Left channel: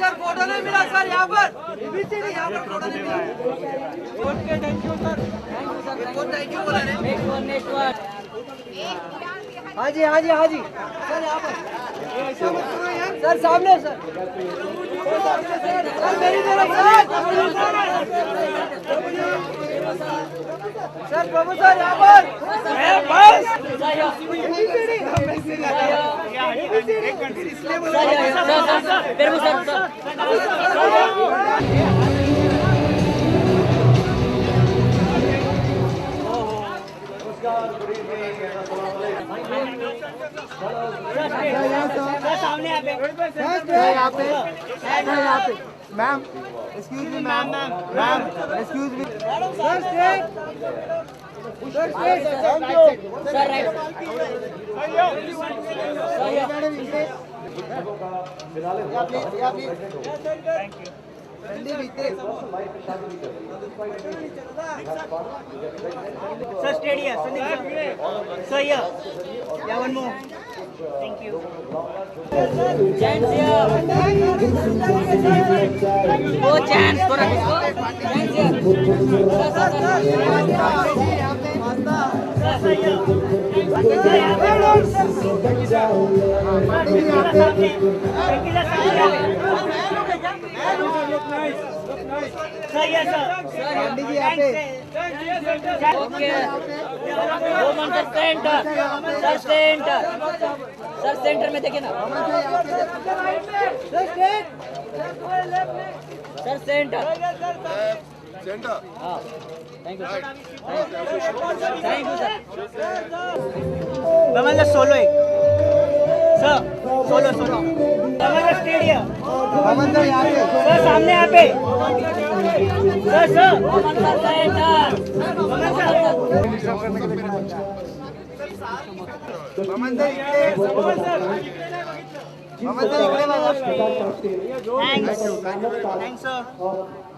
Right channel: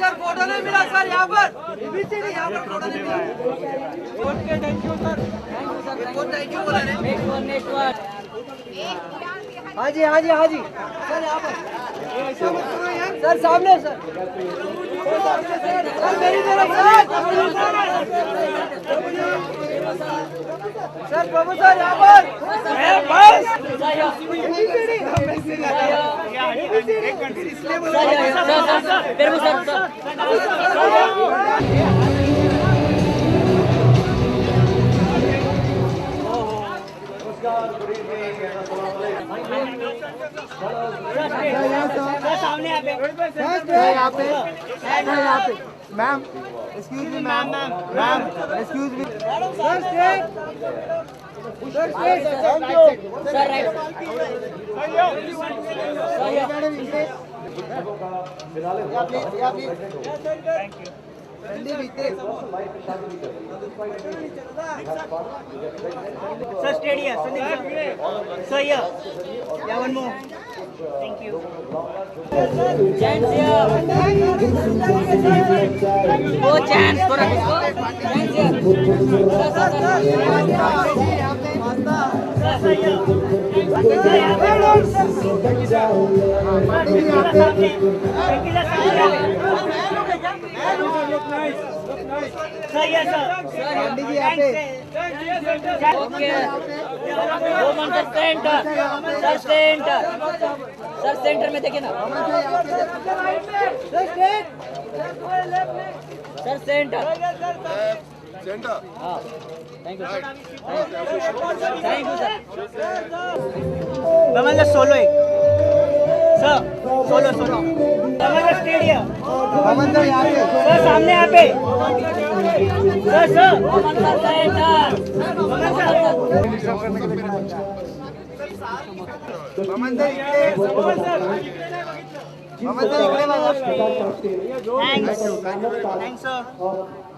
Sir photo नहीं मिला sir यहाँ पर एबीसीडी यहाँ पर फोटो नहीं मिला। Okay thank you sir thank you बोला नेक्स्ट वन हाँ जी हाँ जी हाँ जी सर यहाँ पर ऐसा मत करो यार सर सामने सर मेरी तरफ सर प्रभु सर यहाँ पर बस सामने यहाँ पे ma'am excuse me ma'am excuse me Sir, steady here. Sir, here. Yeah, one more. Thank you. Chance here. Oh, chance for us. Chance here. Sir, yes, sir. Okay. Woman sir center. Sir center. Sir center में देखिए ना. Sir center. Center. हाँ. Thank you sir. Thank you sir. Bhaman just solo एक. Sir, solo. Bhaman just stay here. भवन sir यहाँ पे Sir, सामने यहाँ पे. Sir. Woman sir center. भवन सर इकडे बघा Thanks, sir.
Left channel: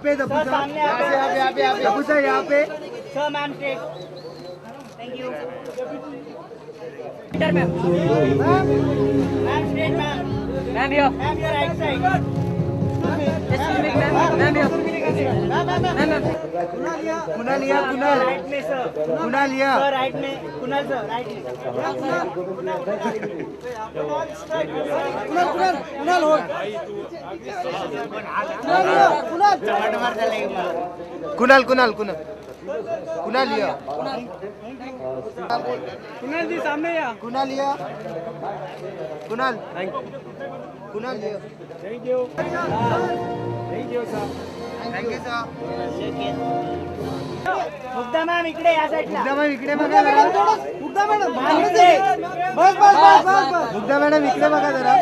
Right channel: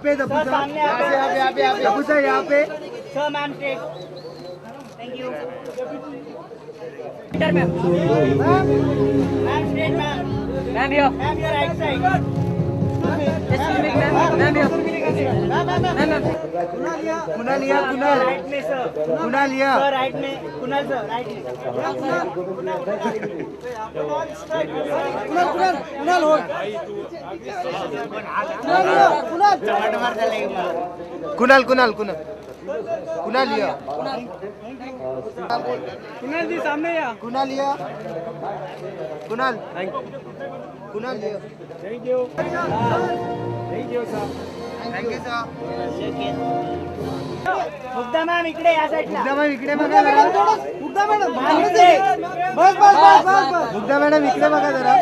पे दबू Sir, सामने यहाँ पे. दबू सर यहाँ पे Sir, ma'am, take. Thank you. Center में. Ma'am, straight, ma'am. Ma'am here. Ma'am, your right side. Excuse me ma'am. Ma'am here. Ma'am. Kunal Right में, sir. कुणाल Sir, right में. Kunal, sir, right में. कुणाल हो कुणाल लिया कुणाल जी सामने या. कुणाल लिया कुणाल लिया Thank you. Thank you, sir. Thank you sir Mugdha ma'am इकडे या साईडला. मुग्धा मॅडम इकडे बघा जरा मुग्धा मॅडम बस मुग्धा मॅडम इकडे बघा जरा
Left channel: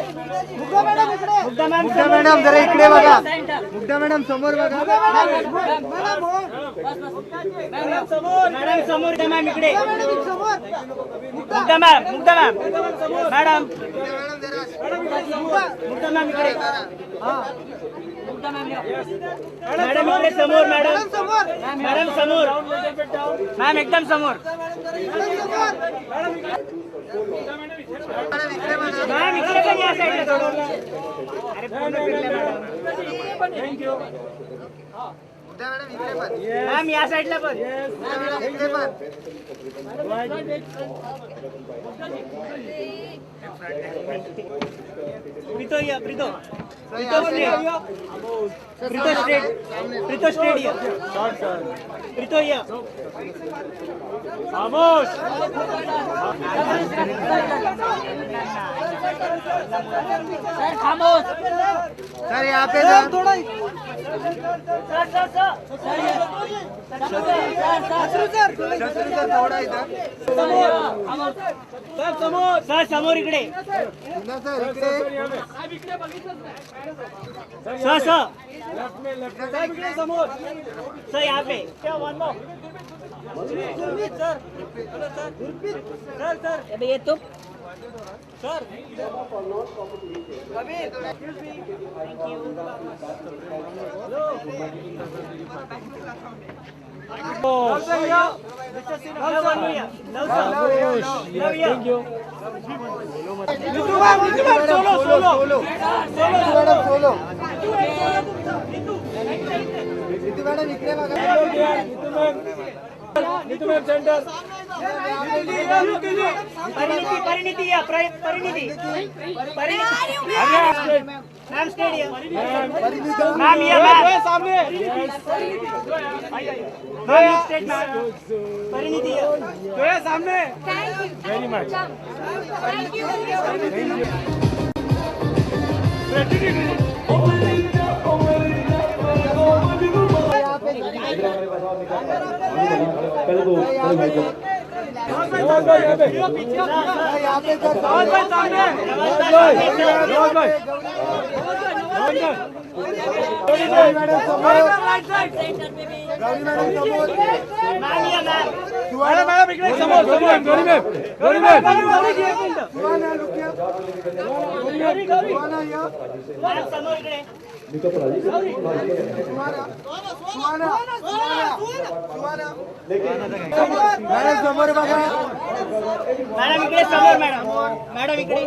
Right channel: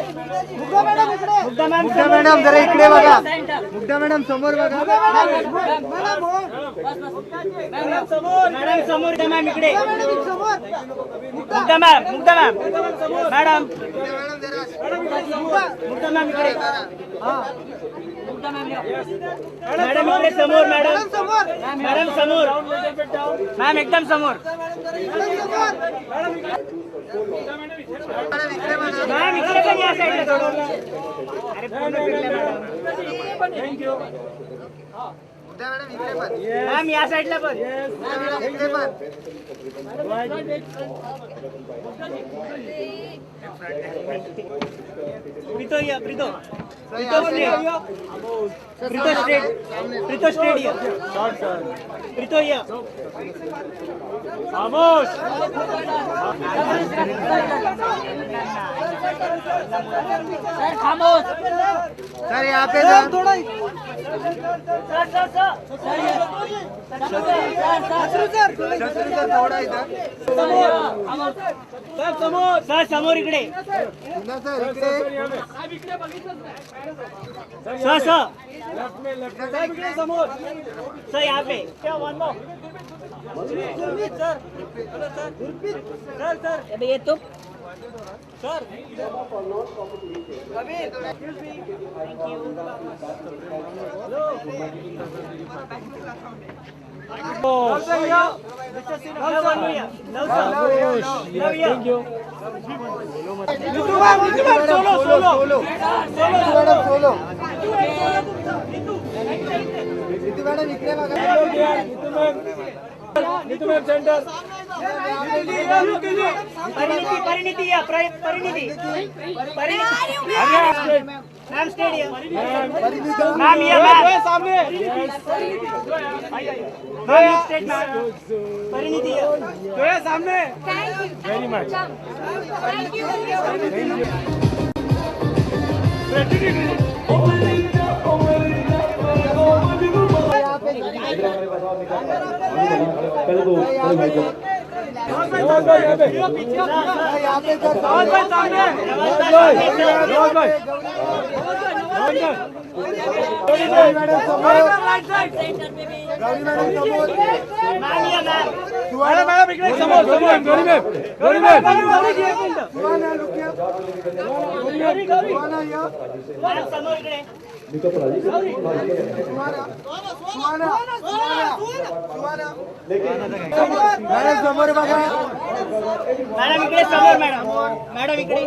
मुग्धा मॅम मुग्धा मॅडम जरा इकडे बघा मुग्धा मॅडम समोर बघा मॅडम समोर द्या मॅम इकडे. Mugdha ma'am madam Mugdha ma'am इकडे. मॅडम इकडे समोर मॅडम समोर मॅम एकदम समोर मॅम इकडे पण या साईडला थोडं. अरे पूर्ण फिरल्या मॅडम. थँक्यू. मॅम या साईडला पण. प्रीतो स्टेट प्रीतो या खामोश. Sir खामोश. सर यहाँ पे थोड़ा सर थोड़ा इधर सर समोर इकडे. सर इकडे सर समोर सर यहाँ पे. अबे ये तुम. Sir solo Parineeti ma'am stadium ma'am ये मैम सामने मैम स्टेट मैम परिणीति जो है सामने वेरी मच मैडम इकडे समोर मैडम इकडे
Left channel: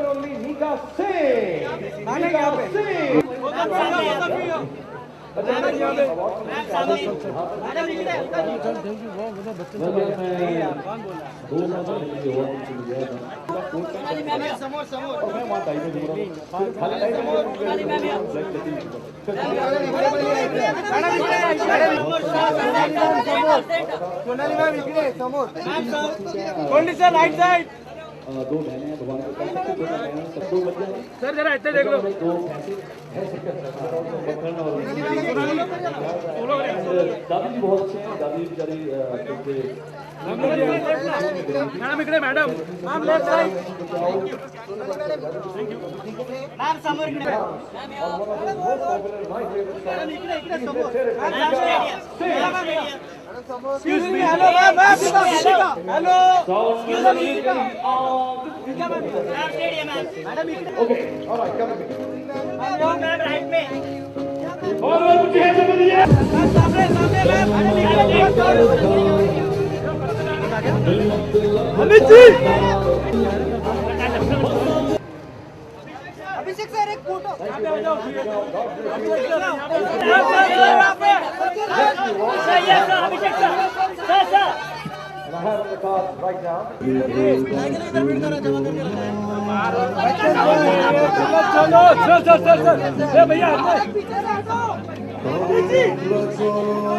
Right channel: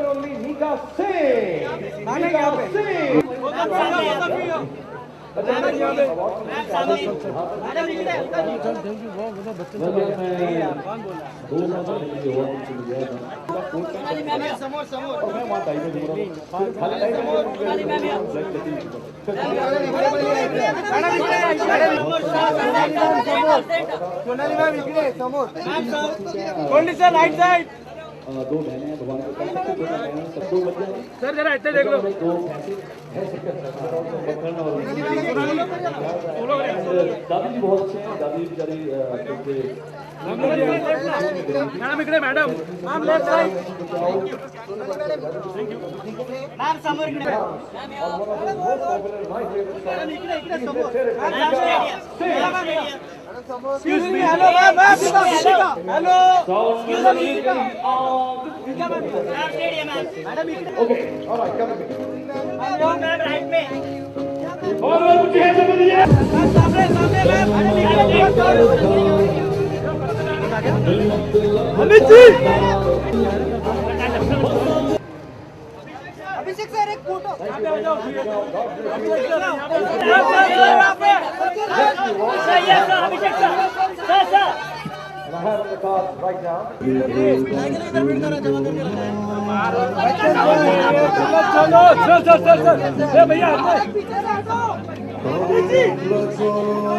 राइट साइड दो बहनें भगवान को सबसे छोटा बहन सब दो बच्चे सर जरा इधर देख लो दो दादी जी बहुत अच्छे हैं दादी बेचारी मैडम इकडे मैडम लेफ्ट साइड मैम समोर इकडे इकडे समोर Excuse me, hello, ma'am, hello. Excuse me, madam, okay, all right, come with me. ma'am, right में. और मुझे है तो बोलिए सामने मैम, अमित जी. अभिषेक सर एक photo. I have the card right now. चलो भैया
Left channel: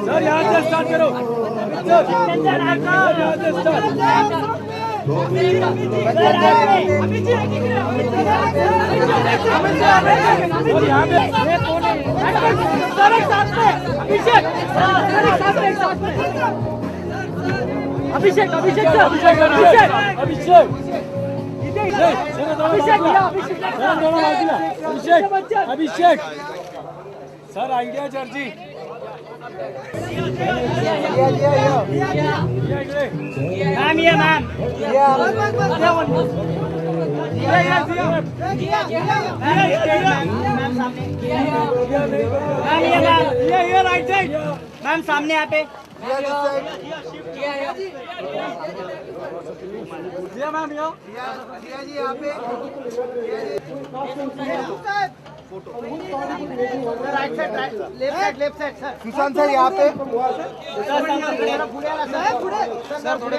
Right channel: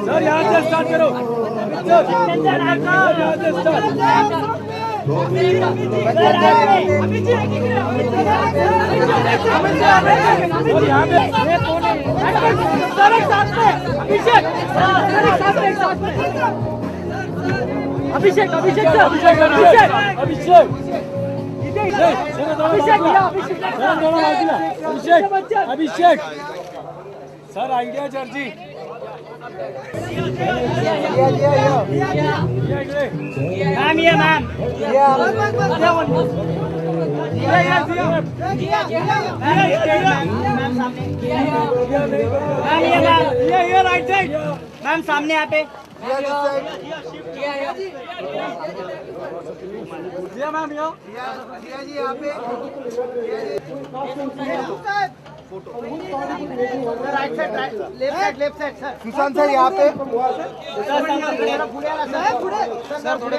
सर यहाँ से स्टार्ट करो यहाँ से स्टार्ट अभिषेक सर आइडिया चर्ची मैम ये मैम राइट साइड मैम सामने यहाँ पे मैम जी यहाँ पे left side sir Sushant sir यहाँ पे सर थोड़े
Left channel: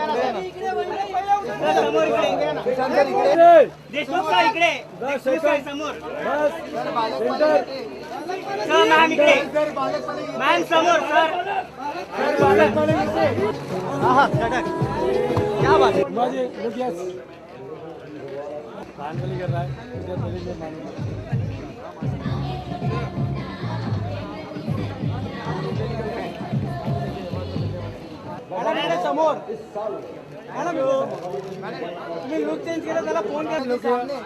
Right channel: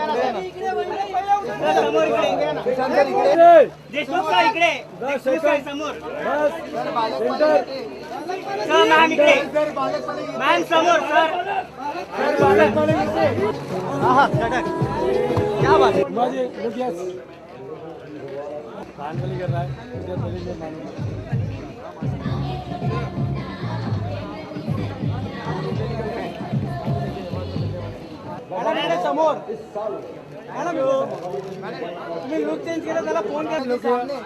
देशमुख सर इकडे समोर सर मॅम इकडे मॅम समोर सर क्या बात है माझे यस कानवली कर रहा है मॅडम समोर मॅडम तुम्ही लुक चेंज केला त्याला फोन कर सामने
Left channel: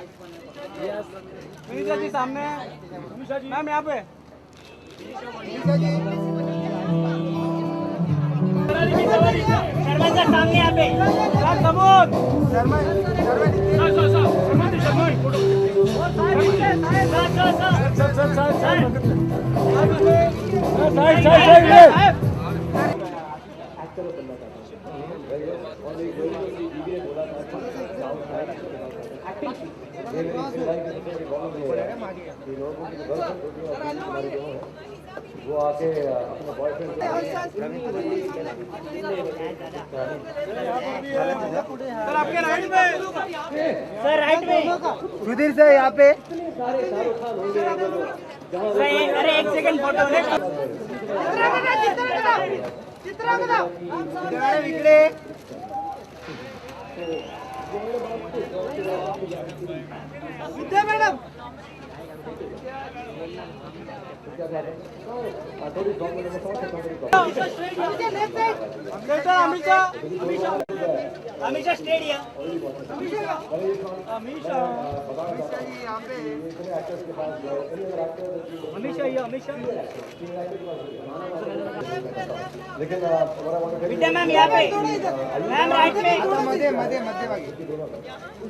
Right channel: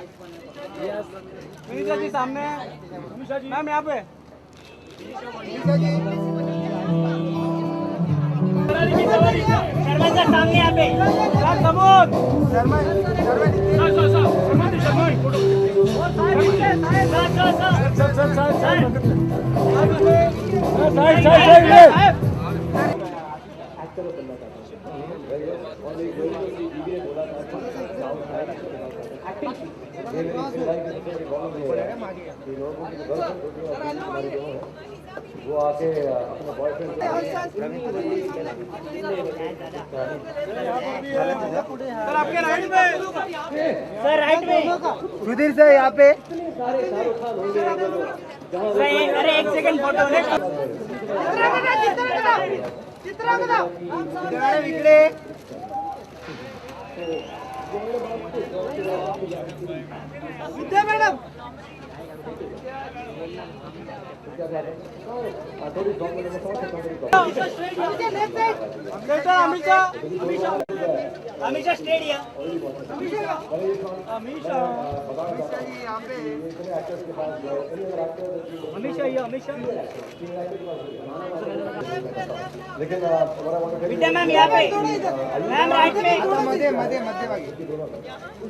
जी सामने मैम यहाँ पे शर्मा सर सामने यहाँ पे समोर वो आके अपने बॉयफ्रेंड सर आपके राइट में, सर राइट में सुधीर से यहाँ पे सर अरे एक सेकंड फोटो इकडे विद्या मॅडम अमीषा स्टेडियम लेकिन विद्या मैम यहाँ पे, मैम राइट में, मध्ये मध्ये मध्यभागी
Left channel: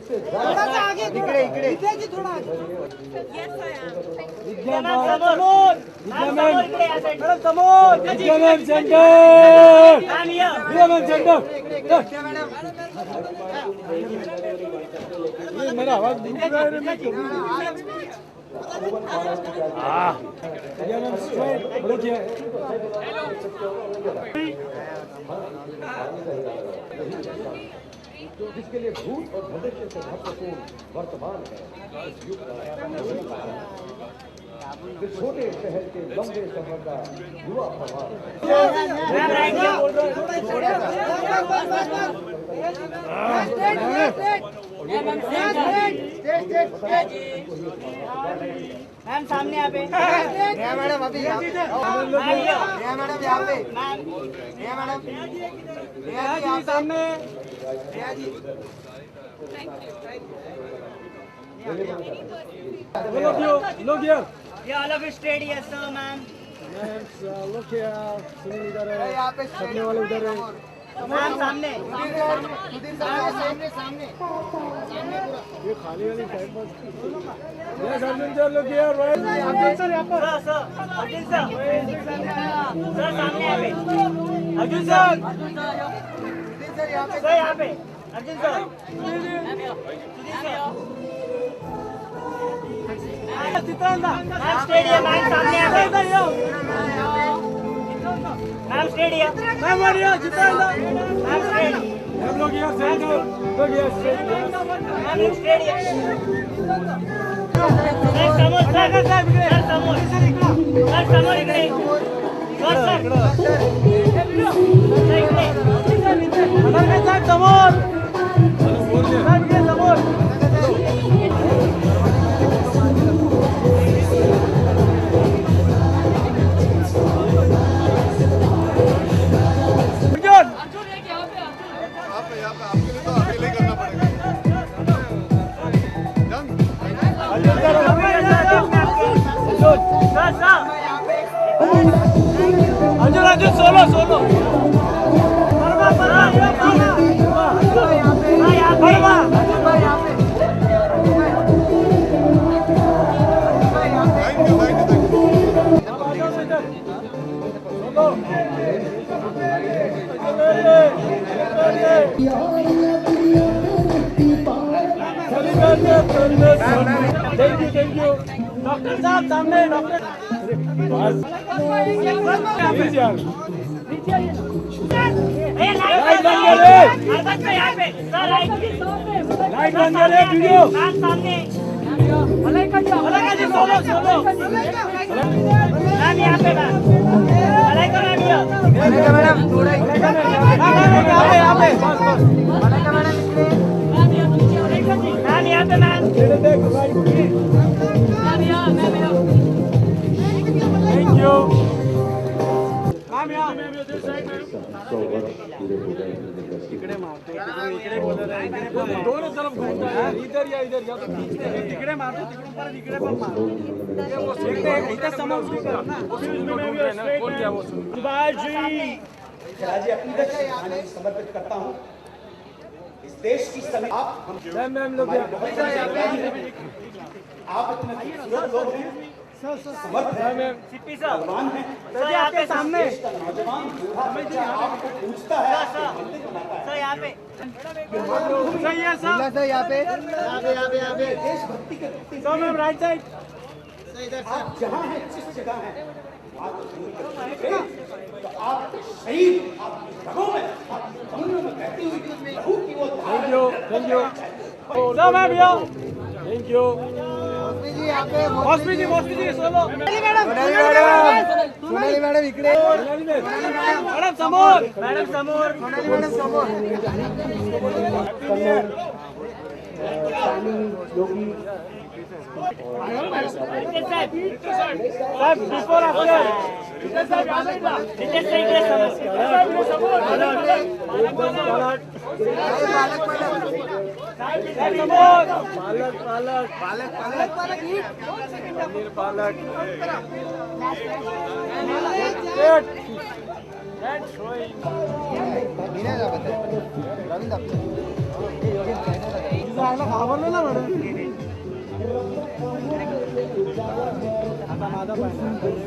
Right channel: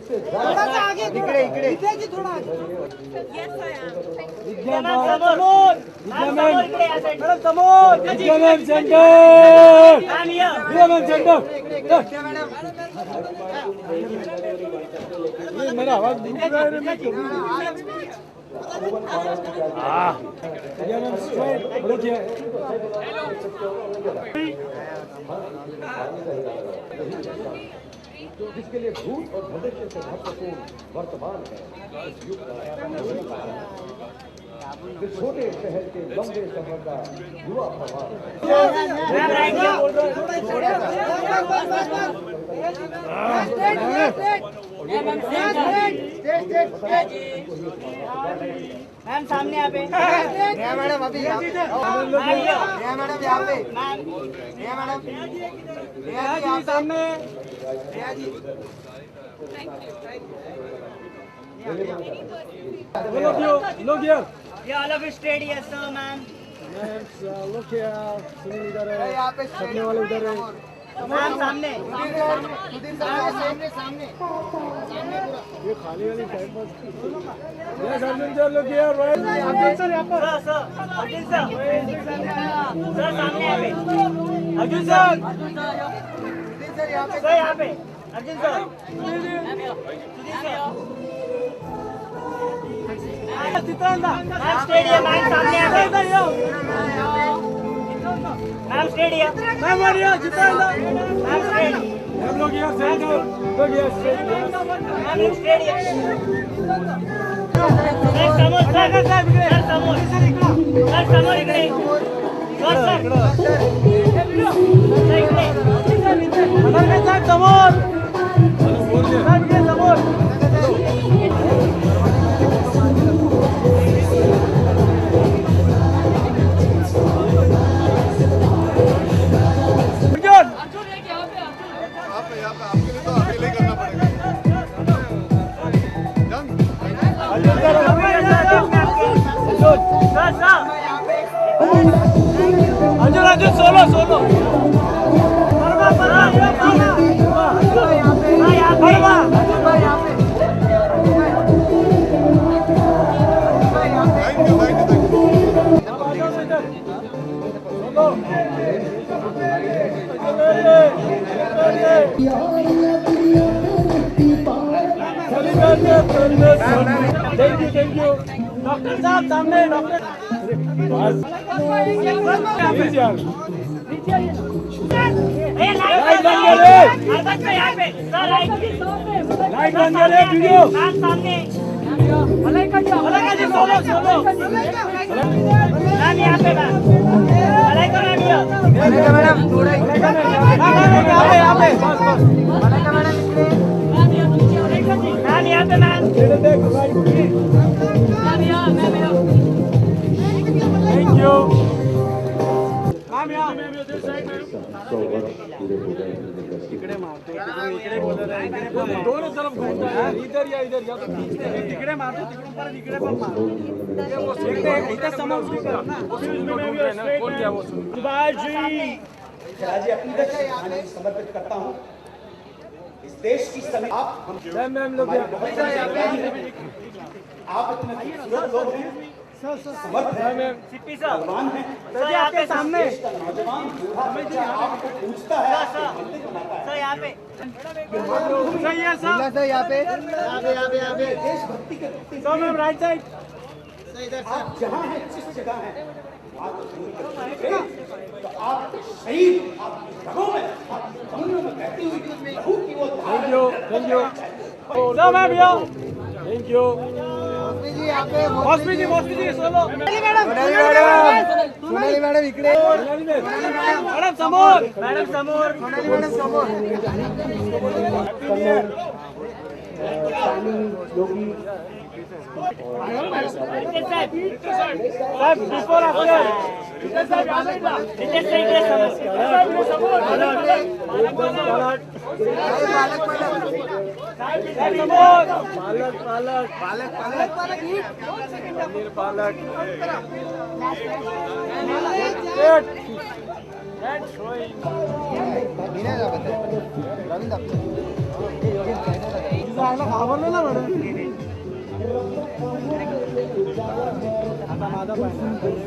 थोडासा आगे इकडे इकडे विद्याजी थोडा आगे विद्या मैम समोर, मैम समोर इकडे या साइड, मॅडम समोर विद्या मैम सेंटर, मैम या विद्या मॅम सेंटर विद्या मॅडम मेरा आवाज जिसके लिए भूत और भविष्य से महत्वपूर्ण वर्तमान है इस युग का इस छोटे शहर के लंबे सफर का युवा प्रभाव मैम राइट में बोल रहे मैम सामने यहाँ पे, मैडम अभी यहाँ पे मैडम यहाँ पे मैडम यहाँ सामने look here. Yeah, all of you straight, yes sir, ma'am. लोग यहाँ पे सामने वाले उधर है मैम सामने, सुधीर सर सामने सामने ये खाली वाली time pass yes Arjun sir लोग यहाँ राइट अर्जुन सर यहाँ पर सर अर्जुन सर, सर सामने यहाँ पे, अर्जुन सर सर यहाँ पे, Arjun sir, ma'am stadium, ma'am सामने यहाँ पे, मैम स्टेडियम, मैम बढ़िया जितेंद्र मैम स्टेडियम, हम लोग यहाँ सेंटर लोग यहाँ सेंटर मैम लोग स्टेडियम, सर समोर, सर समोर, सर समोर इकडे, सर इकडे, साहेब समोर साहेब इकडे समोर यहाँ पे आपके लिए तो अकेले ही करना पड़ेगा। Arjun Arjun solo solo thank you thank you thank you doctor साहब सामने डॉक्टर लाइट बंद कर यहाँ पे, सर लाइट बंद कर वीडियो मैम सामने, सोलो सोलो मैम यहाँ पे, मैम मलाइका मैम यहाँ, मैडम थोड़ा यहाँ पे मैम यहाँ पे, मैम थैंक यू दोनों तरफ घूमना है इधर या तो तिकडे मारतो तिकडून परत इकडे पण मारतो इथं समोर ना राज्य अकीदत समर्पित करता हूँ। इस देश की सभी आप मैम लोग आप इतने खूबसूरत लोग हैं, समर्थ है, सिप्पी सर बलवान है, सर यहाँ पे सामने देश का नौजवान दूल्हा बच्चा आपको पूछता है, आपको मंदिर बनाता है। सर यहाँ पे देशभक्ति के प्रति राइट साइड आप जहाँ हैं, जिस जगह हैं, वहाँ तो जरूर करेंगे। तो आप शहीद, आपकी रगों में, आपकी धमनियों में बहती हुई लहू की वो धारा सर मैम यो सोनाली मॅडम इकडे मैडम समोर बिफोर आफ्टर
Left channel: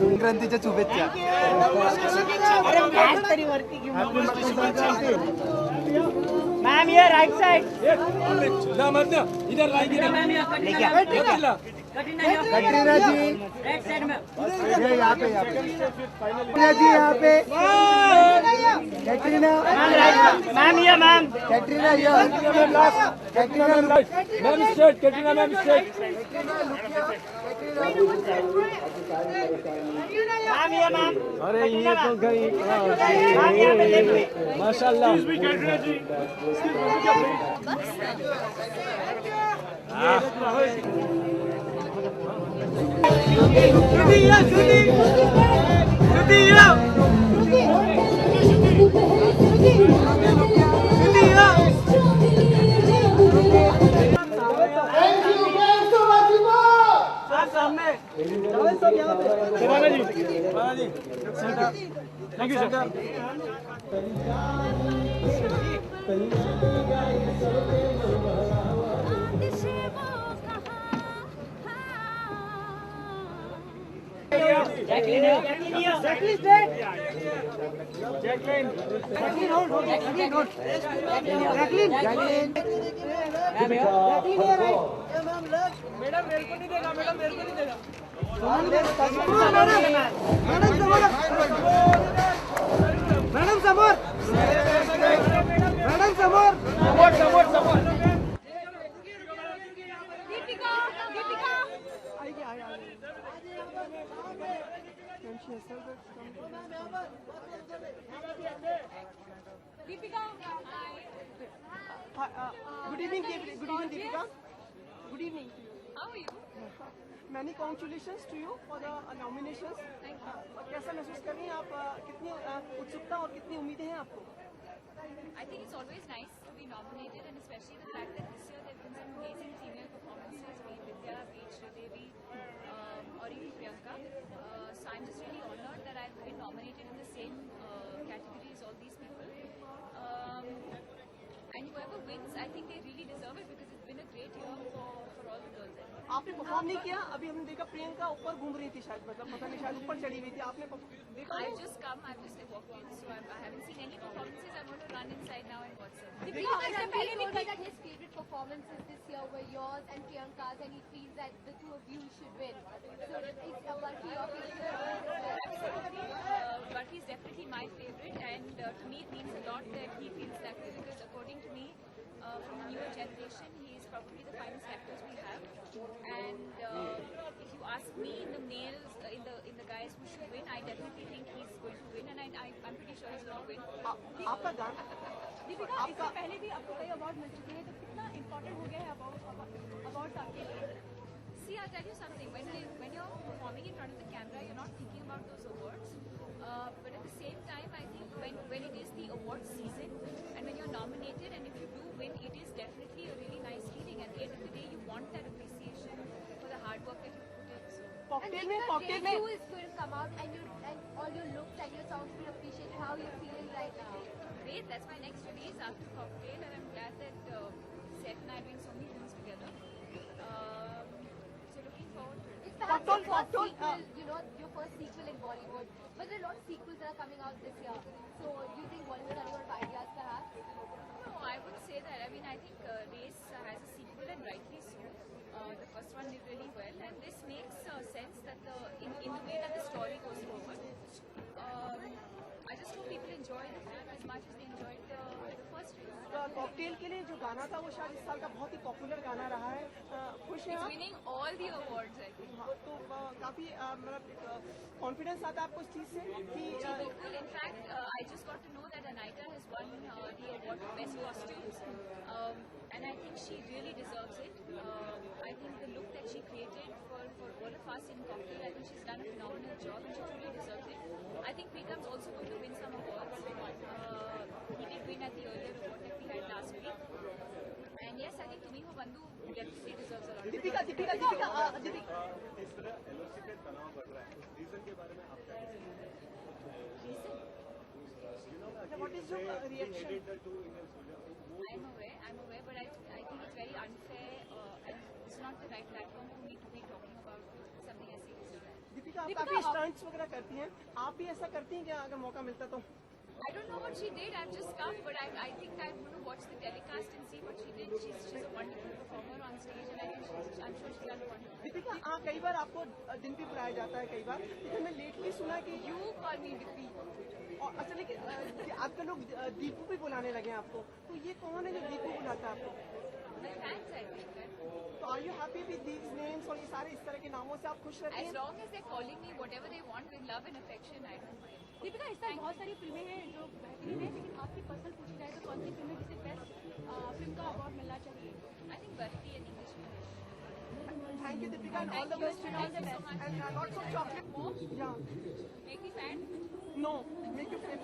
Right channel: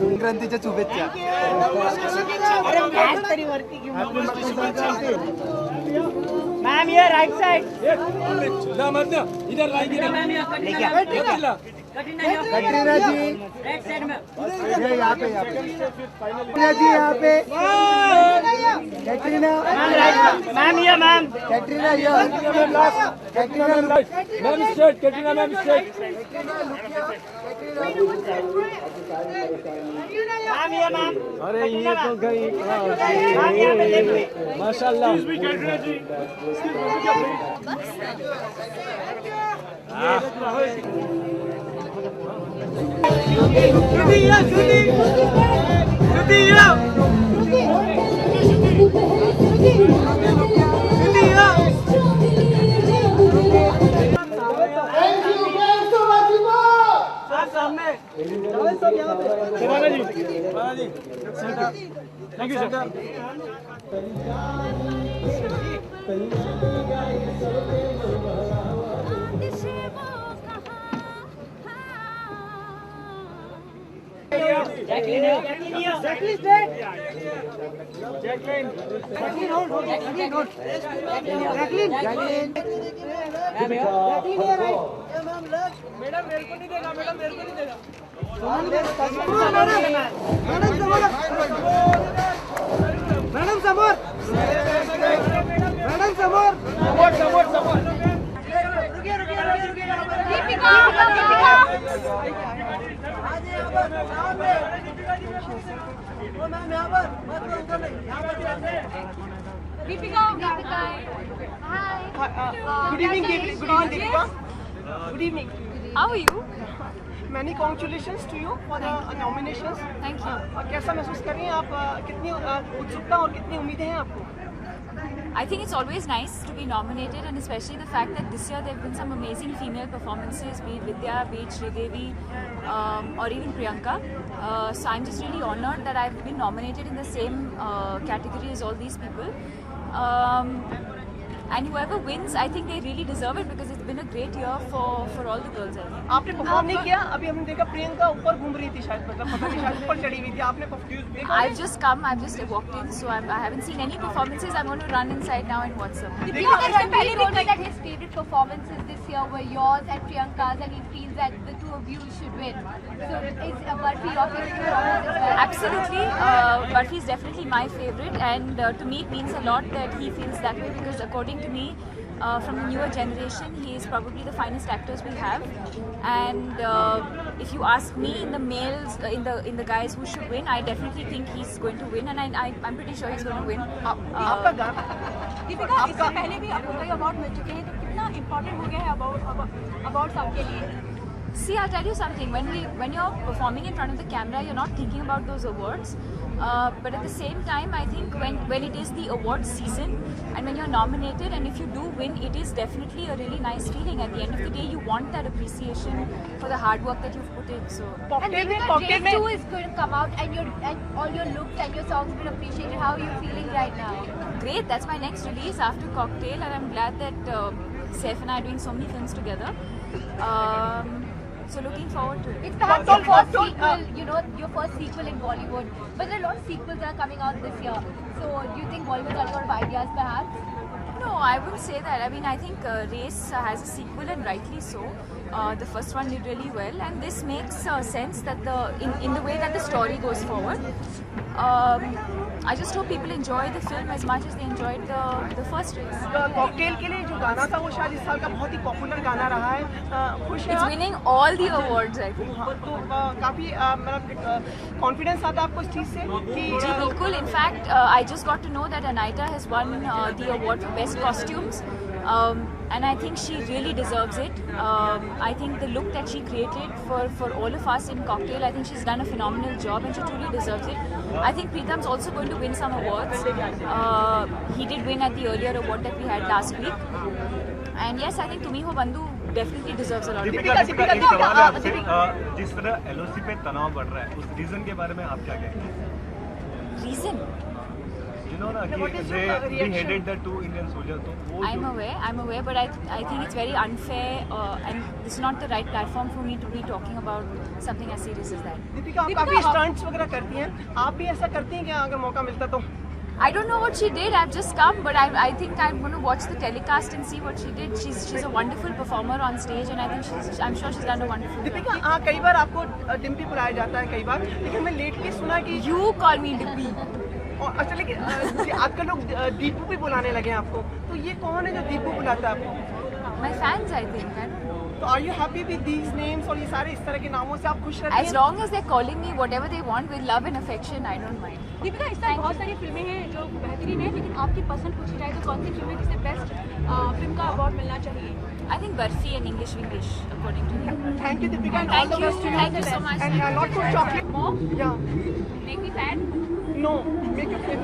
संक्रांतीच्या शुभेच्छा मैम ये राइट साइड कटरीना जी राइट साइड में ये यहाँ पे कटरीना जी यहाँ पे कटरीना मैम ये ma'am Katrina Katrina ma'am straight Katrina ma'am straight ma'am ये मैम अरे ये तो गई मैम यहाँ पे देखिए माशाल्लाह थैंक यू सर मॅडम समोर Good evening, Deepika. Good evening. How are you? Many congratulations to you for the nominations. Thank you. और कैसा महसूस कर रही हैं आप? कितनी उत्सुकता और कितनी उम्मीदें हैं आपको? I think it's always nice to be nominated, and especially the fact that this year there have been some amazing female performances, be it Vidya, be it Sridevi, or even Priyanka. So I'm just really honoured that I've been nominated in the same category as all these people. And whoever wins, I think they really deserve it because it's been a great year for all the girls, I think. आपने perform नहीं किया? अभी हमने देखा प्रियंका ऊपर घूम रही थी शायद, मतलब पता नहीं शायद ऊपर चढ़ी हुई थी. आपने देखा? I've just come, I've just walked in, so I haven't seen any performances. I'm going to run inside now and watch some. Ranveer told me that his favorite performances this year were yours and Priyanka's, and he feels that the two of you should win. So is Barfi your favorite performance as well? Absolutely, Barfi is definitely my favorite, and to me it means a lot that he feels that way because according to me, from the newer generation, he is probably the finest actors we have. And if you ask me, in the males, in the guys who should win, I definitely think he's going to win, and I'm pretty sure he's going to win. आपका गाना दीपिका, इससे पहले भी आपको कई award मिल चुके हैं, तो कितना इम्पोर्टेंट हो गया है अवार्ड सबके लिए? See, I'll tell you something. When you're performing in front of the camera, you're not thinking about those awards. But at the same time, I think when it is the award season and when you're nominated, and if you do win, it is definitely a really nice feeling. At the end of the day, you want that appreciation for the hard work that you've put in. So. And Deepika, Race 2 is going to come out, and all your looks and your songs will appreciate it. How are you feeling right now? Great. That's my next release after Cocktail, and I'm glad that Saif and I are doing so many films together. So looking forward into it. It's perhaps your first sequel, you know, your first sequel in Bollywood. But there are a lot of sequels that are coming out this year. So do you think Bollywood's running out of ideas perhaps? No, I wouldn't say that. I mean, I think Race has a sequel, and rightly so. The first one did really well, and this makes sense that in the way that the story goes forward. I just hope people enjoy the film as much as they enjoyed the first Race. Cocktail के लिए जो गाना था वो शायद इस साल का बहुत ही पॉपुलर गाना रहा है। खुश हैं It's आप? winning all the awards, I think. हाँ, तो काफी मतलब कॉन्फिडेंस आता है आपको इस चीज से कि जी बिल्कुल. In fact, I just got to know that Anaita has won the award for best costumes, and I think she really deserves it. I think the look that she created for all of us in Cocktail, I think she's done a phenomenal job, and she truly deserves it. I think Pritam's also going to win some awards. He did win at the earlier award that we had last week, and yes, I think Tumi Ho Bandhu definitely deserves a lot of Deepika credit. Deepika एक सवाल है आपसे, जिस तरह LOC पे तनाव बढ़ रहा है, उस रीजन के बारे में आप क्या कहेंगे? Reason? You know ना कि they beheaded the 2 Indian soldiers, तो वो I'm aware, but I think it's very unfair, and this is not the right platform for me to be talking about something as serious as that. Deepika आप काफी stunts वगैरह करती हैं, आप भी ऐसा करती हैं क्या अगर मौका मिलता तो? I don't know what she did. I've just come, but I think I'm going to watch the telecast and see what she did. She's a wonderful performer on stage, and I think I'm sure she's done a wonderful job. Deepika कई बार आपको डिम्पी बुलाया जाता है कई बार, लेकिन मैं lately सुना कि You call me Dippy. और अच्छा लेकिन आजकल लोग दीपू भी बुलाने लगे हैं आपको, तो ये कौन है जो दीपू बुलाता है आपको? My fans, I think. I don't know. तो are you happy with these names और ये सारे इस तरह के नामों से आप खुश रहती As हैं? long as they're calling me whatever they want with love and affection, I don't mind. Deepika इस साल बहुत सारी फिल्में हैं जो बेहतरीन है, लेकिन आपकी पसंद पूछी जाए तो कौन सी फिल्म है जिसे बेस्ट फिल्म का अवार्ड मिलना चाहिए? I think Barfi and English English, according to me. Thank you Deepika and all Thank the you. best to Thank you so much. and not for chocolate. More? Yeah. Make me fat? No, make you feel.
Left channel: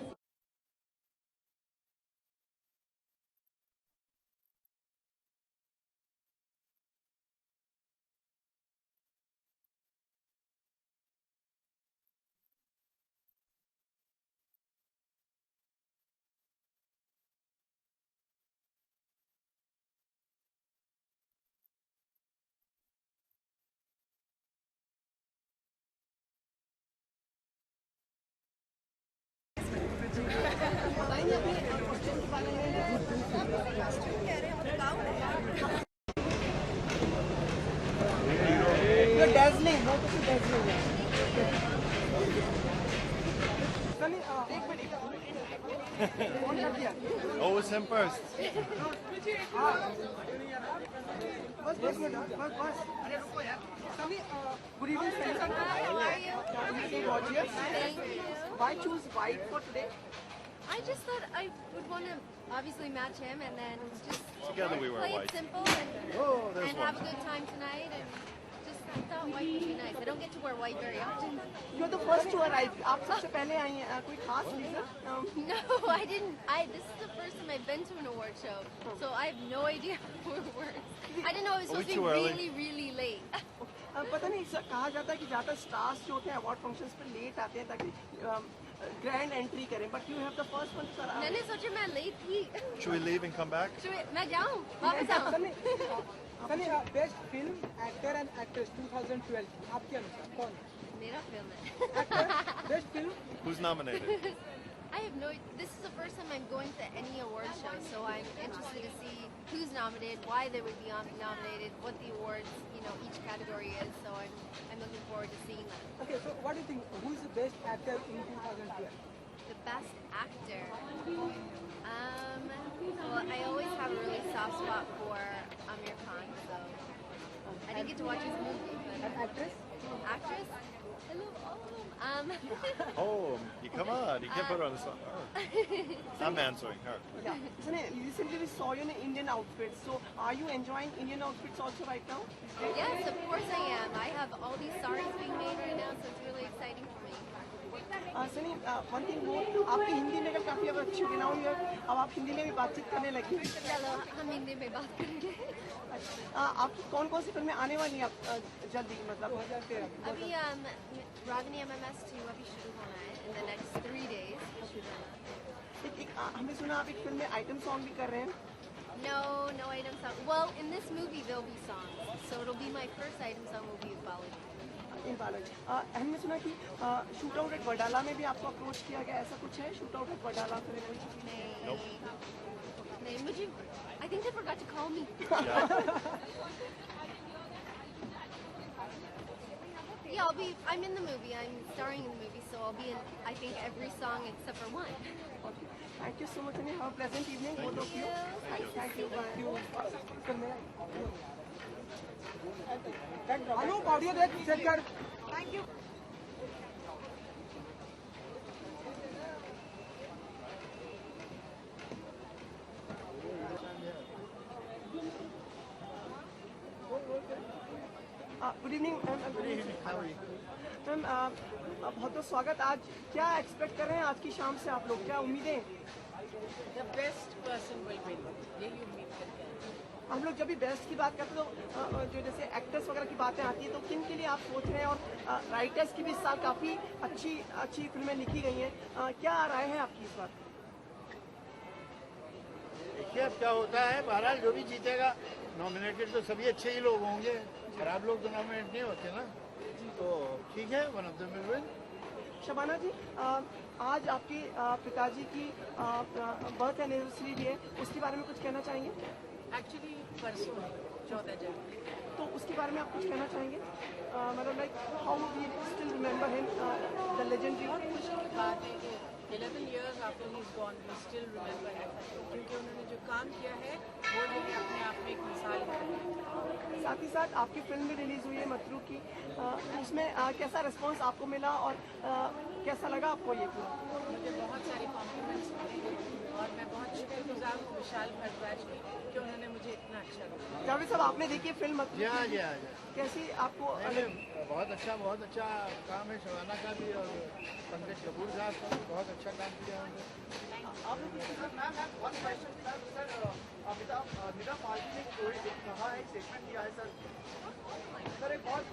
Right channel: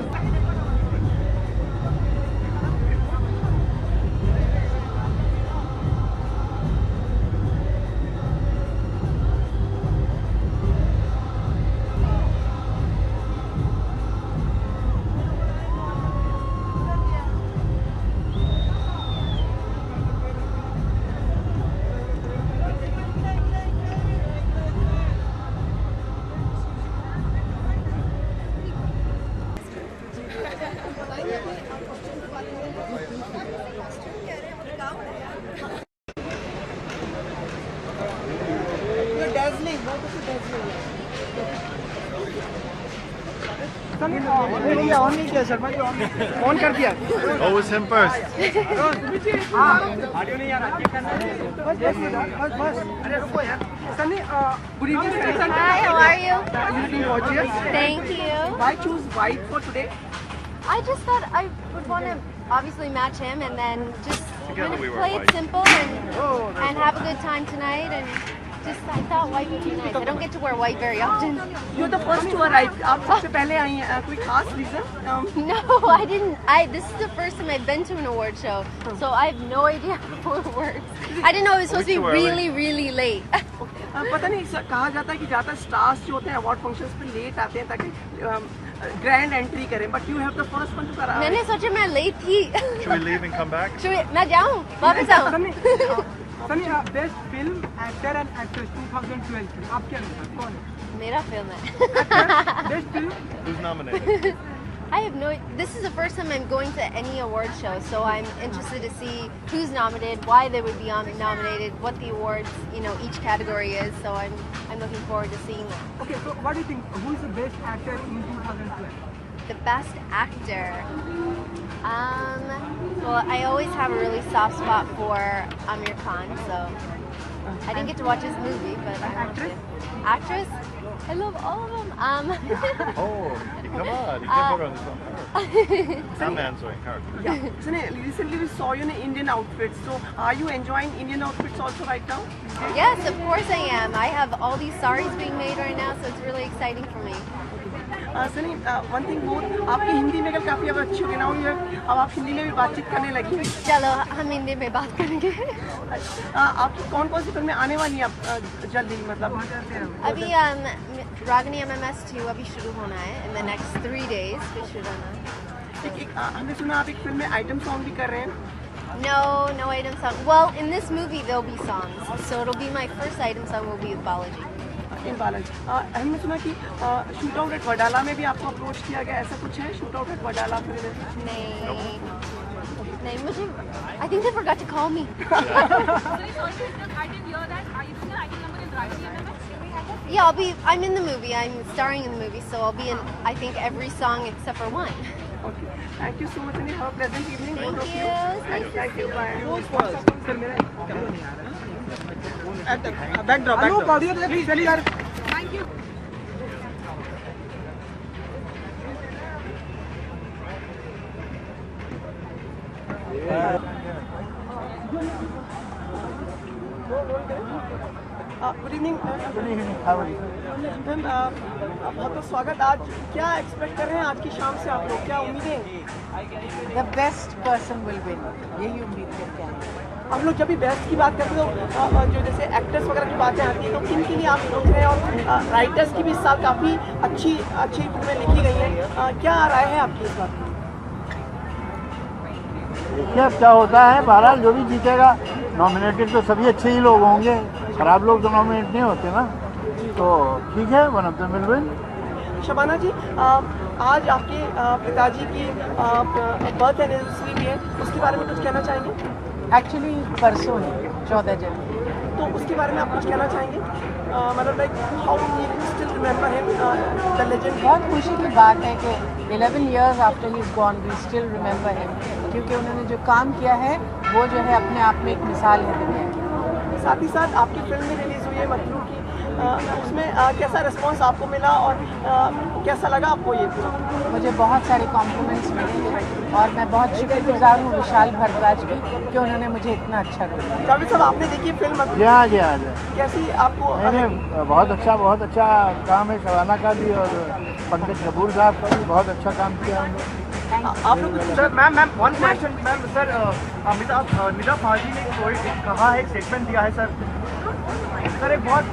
You're dazzling, बहुत अच्छी dazzling है। On नहीं किया Sharma ji, on कर दिया। Oh, it's him first. Audio नहीं आ रहा, बस अरे रुको यार। Sunny, good evening Sunny. Hi, how are you? You looking gorgeous. Thank you. Why choose white for today? I just thought I would want to obviously match him and then just Together kind of we wear play white. it simple and, Oh, there's and one. have a good time tonight. And just I thought white would be nice. I don't get to wear white very often. You're the first to arrive. आप सबसे पहले आई हैं। कोई खास reason? No, I didn't. This is the first time I've been to an award show, so I have no idea how it works. I didn't know it was supposed to too be early? really, really late. पता नहीं कहा जाता है कि ज़्यादा stars जो होते हैं अवार्ड फंक्शंस पे लेट आते हैं ताकि ग्रैंड एंट्री करें, but you have the first one two करा। मैंने सोचा मैं late थी. Should we leave and come back? मैं जाऊँ? वापस आऊँ? Best film actor and actress 2012 आप क्या लगता है कौन है? मेरा फिल्म है. Best film Who's nominated? I have no. This is the first time I'm going to any award show, so I'm interested to see who's nominated, why they would be nominated, what the awards, each category is. So I'm looking forward to seeing that. Okay, so what do you think? Who is the best actor in 2012? The best actor. Well, I always have a really soft spot for Amir Khan, so I didn't get to watch his movie, but I want to. Actress? I love all of them. Oh, come on. You can't put her on the spot. I'm answering her. Yeah. So recently we saw you in Indian outfits. So are you enjoying Indian outfits also right now? Yes, of course I am. I have all these saris being made right now, so it's really exciting for me. Sunny, one thing more, आपकी हिंदी में काफ़ी अब अच्छी हो गई ना, अब आप हिंदी में भी बातचीत करने लगी। चलो हम हिंदी में बात करेंगे। आपकी कौन कौन सी फिल्में आने वाली हैं अब जल्दी मतलब? अभी रागनी MMS 2 अभी शुरू होना है in the next 3 days. फिर शुरू होना है। हमने सुना आप एक फिल्म में आइटम सॉन्ग भी कर रहे हैं। No item song. Well, in this movie there'll be songs, so it'll be my first item song will be with Balaji. इन बालाजी हमने सुना कि शूट आउट एट वडाला में भी आपको अप्रोच किया गया, ऐसा कुछ है? शूट आउट एट वडाला फिर नहीं, मुझे I think they forgot to call me. Yeah, I'm in the movie. I'm starring in the movie, so I'll be in I think every song except for one. Okay. Thank you so much and have a pleasant evening. Thank you. Thank you. Bye. Backdrop. Please, thank you. Good evening. Ma'am बहुत बहुत स्वागत। आज क्या expect कर रहे हैं आज की शाम से आप लोग, क्या उम्मीदें? The best person will win. यही उम्मीद करते हैं। आप लोग जब भी बेस्ट की बात करते हो जो जैसे एक्टर्स वगैरह की बातें आती हैं तो किन के लिए आप सोच रहे हैं, और राइटर्स की भी इस साल काफ़ी अच्छी फिल्में लिखी गई हैं, क्या राय है आपकी इस बात? देखिए अब क्या होता है, बहरहाल जो भी जीतेगा, नॉमिनेटेड तो सभी अच्छे ही लोग होंगे, खराब लोग तो नॉमिनेट नहीं होते ना, तो ठीक है, one of the will win. Shabana ji, आज आपके पिताजी की बर्थ एनिवर्सरी भी है, उसके बारे में कुछ कहना चाहेंगे? एक्चुअली परसों है 14 जनवरी, तो उसके बारे में आप कुछ कहना चाहेंगे? मतलब like how we still remember him the legend. बहुत खुशी की बात है कि 11 years after he is gone we still remember him, क्योंकि उन्होंने जो काम किया है वो जो है अपने आप में एक मिसाल है दुनिया की। साथ ही साथ आपकी फिल्म भी रिलीज़ हुई है मतलू की, उसमें कैसा रिस्पांस आपको मिला और कैसा लगा आपको ये फिल्म? मुझे बहुत सारे कॉम्प्लीमेंट्स मिले हैं और मैं बहुत शुक्रगुजार हूँ विशाल भारद्वाज की कि उन्होंने मुझे इतना अच्छा रोल दिया। जावेद साहब, आपने देखी फिल्म? जी, कैसी आपको? बहुत अच्छा काम है शबाना का भी और पंकज कपूर साहब का भी बहुत अच्छा काम किया है। आप लोग sir ma'am one question ma'am sir, Nida Fazli ने कोई कहा है, स्टेटमेंट दिया है सर एक बहुत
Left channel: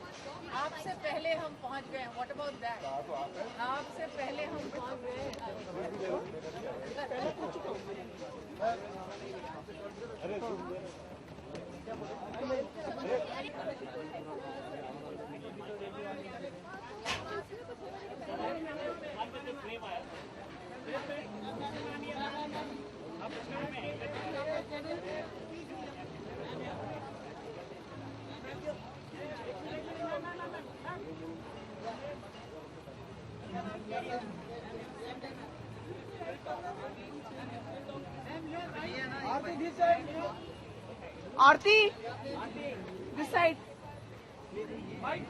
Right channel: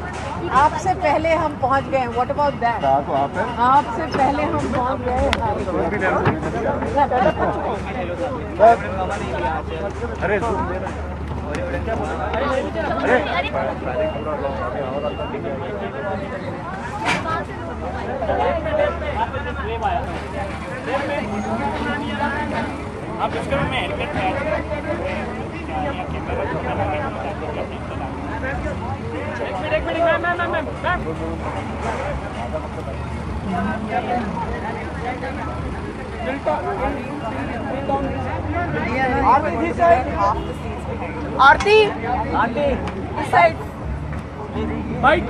आपसे पहले हम पहुंच गए। What about that? आपसे पहले हम पहुंच गए। अरे आप इसका में एक मिनट मैम आरती इस side. Byte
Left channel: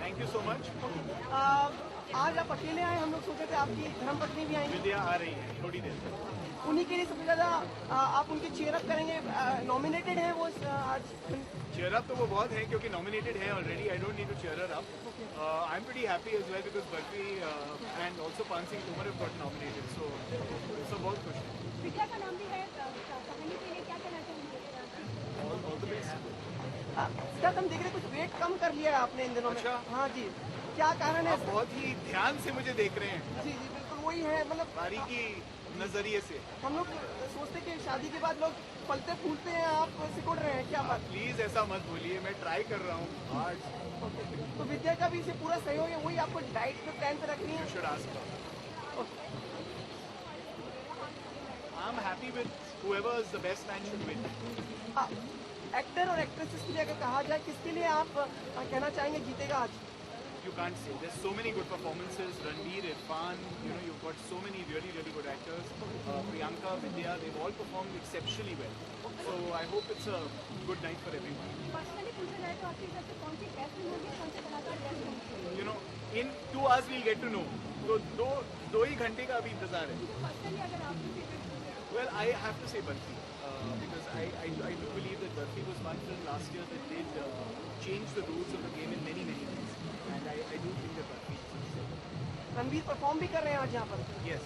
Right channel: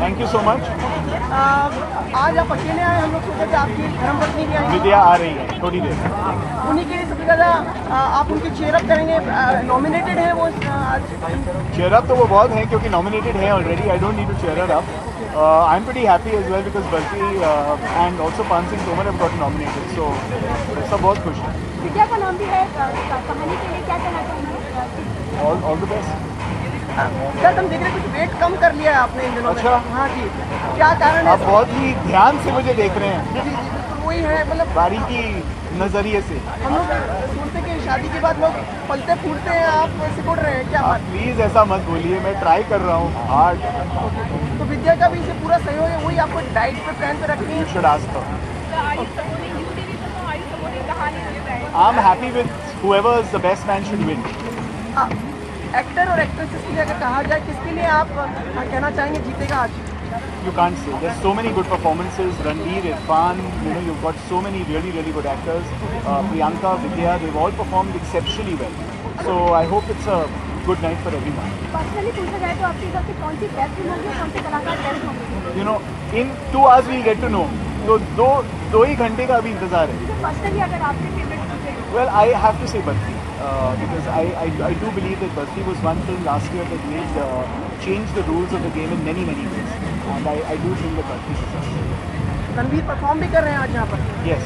thank you so much. आज आप अकेले आए, हम लोग सोचे थे आपकी धर्मपत्नी भी आई, विद्या आ रही है थोड़ी देर, उन्हीं के लिए सबसे ज़्यादा आप उनकी चेयरअप करेंगे। नॉमिनेटेड है वो आज? चेयरअप तो वो बहुत हैं क्योंकि नॉमिनेटेड है already, I don't need to chair up. I am pretty happy as well because बल्कि and also Paan Singh Tomar have got nominated, so सब बहुत खुश हैं। विद्या का नाम भी है कहानी के लिए, क्या कहना चाहेंगे? All the best. सर हम देख रहे हैं कुछ वेट कम कर लिया है आपने इन दिनों में। अच्छा। हाँ जी, क्या कारण है? आप बहुत ही ध्यान से मुझे देख रहे हैं, वही है मतलब बारीकी नजरिए से। हम लोग सोचते कि शादी के बाद लोग पलते फूलते हैं, आप सिकुड़ रहे हैं क्या? आप प्लीज ऐसा मत बोलिए, मैं ट्राई कर रहा हूँ हार्ड। तो विद्या का भी इसे पूरा सहयोग है, वही आपको डाइट पे प्लान पे रखनी है। You should ask her. I'm happy with whoever is the best man should win. Actor और एक्ट्रेसेस के लिए अगर कहा जाए, किसके लिए आप कहना चाहेंगे जीतेगा आज? You can't say. There's so many good performances. Ranveer, Irfan, you've got so many really good actors. Priyanka, Vidya, they've all performed exceptionally well. So I hope it's a good night for everyone. Personally पूछा जाए तो आपके हिसाब से कौन सी best film होगी और कौन से कलाकार बेस्ट होंगे? In 2 hours we'll get to know. तो दो ही घंटे का अभी इंतजार है। पर्सनली अगर आपके फेवरेट पूछे? Well, I have to say Badfi. Because I do believe that Badfi was one film last year that made changed the rules of the game in many ways. And I do think that Barfi deserves it. Ranveer perform भी कर रहे हैं आज यहाँ पर। Yes.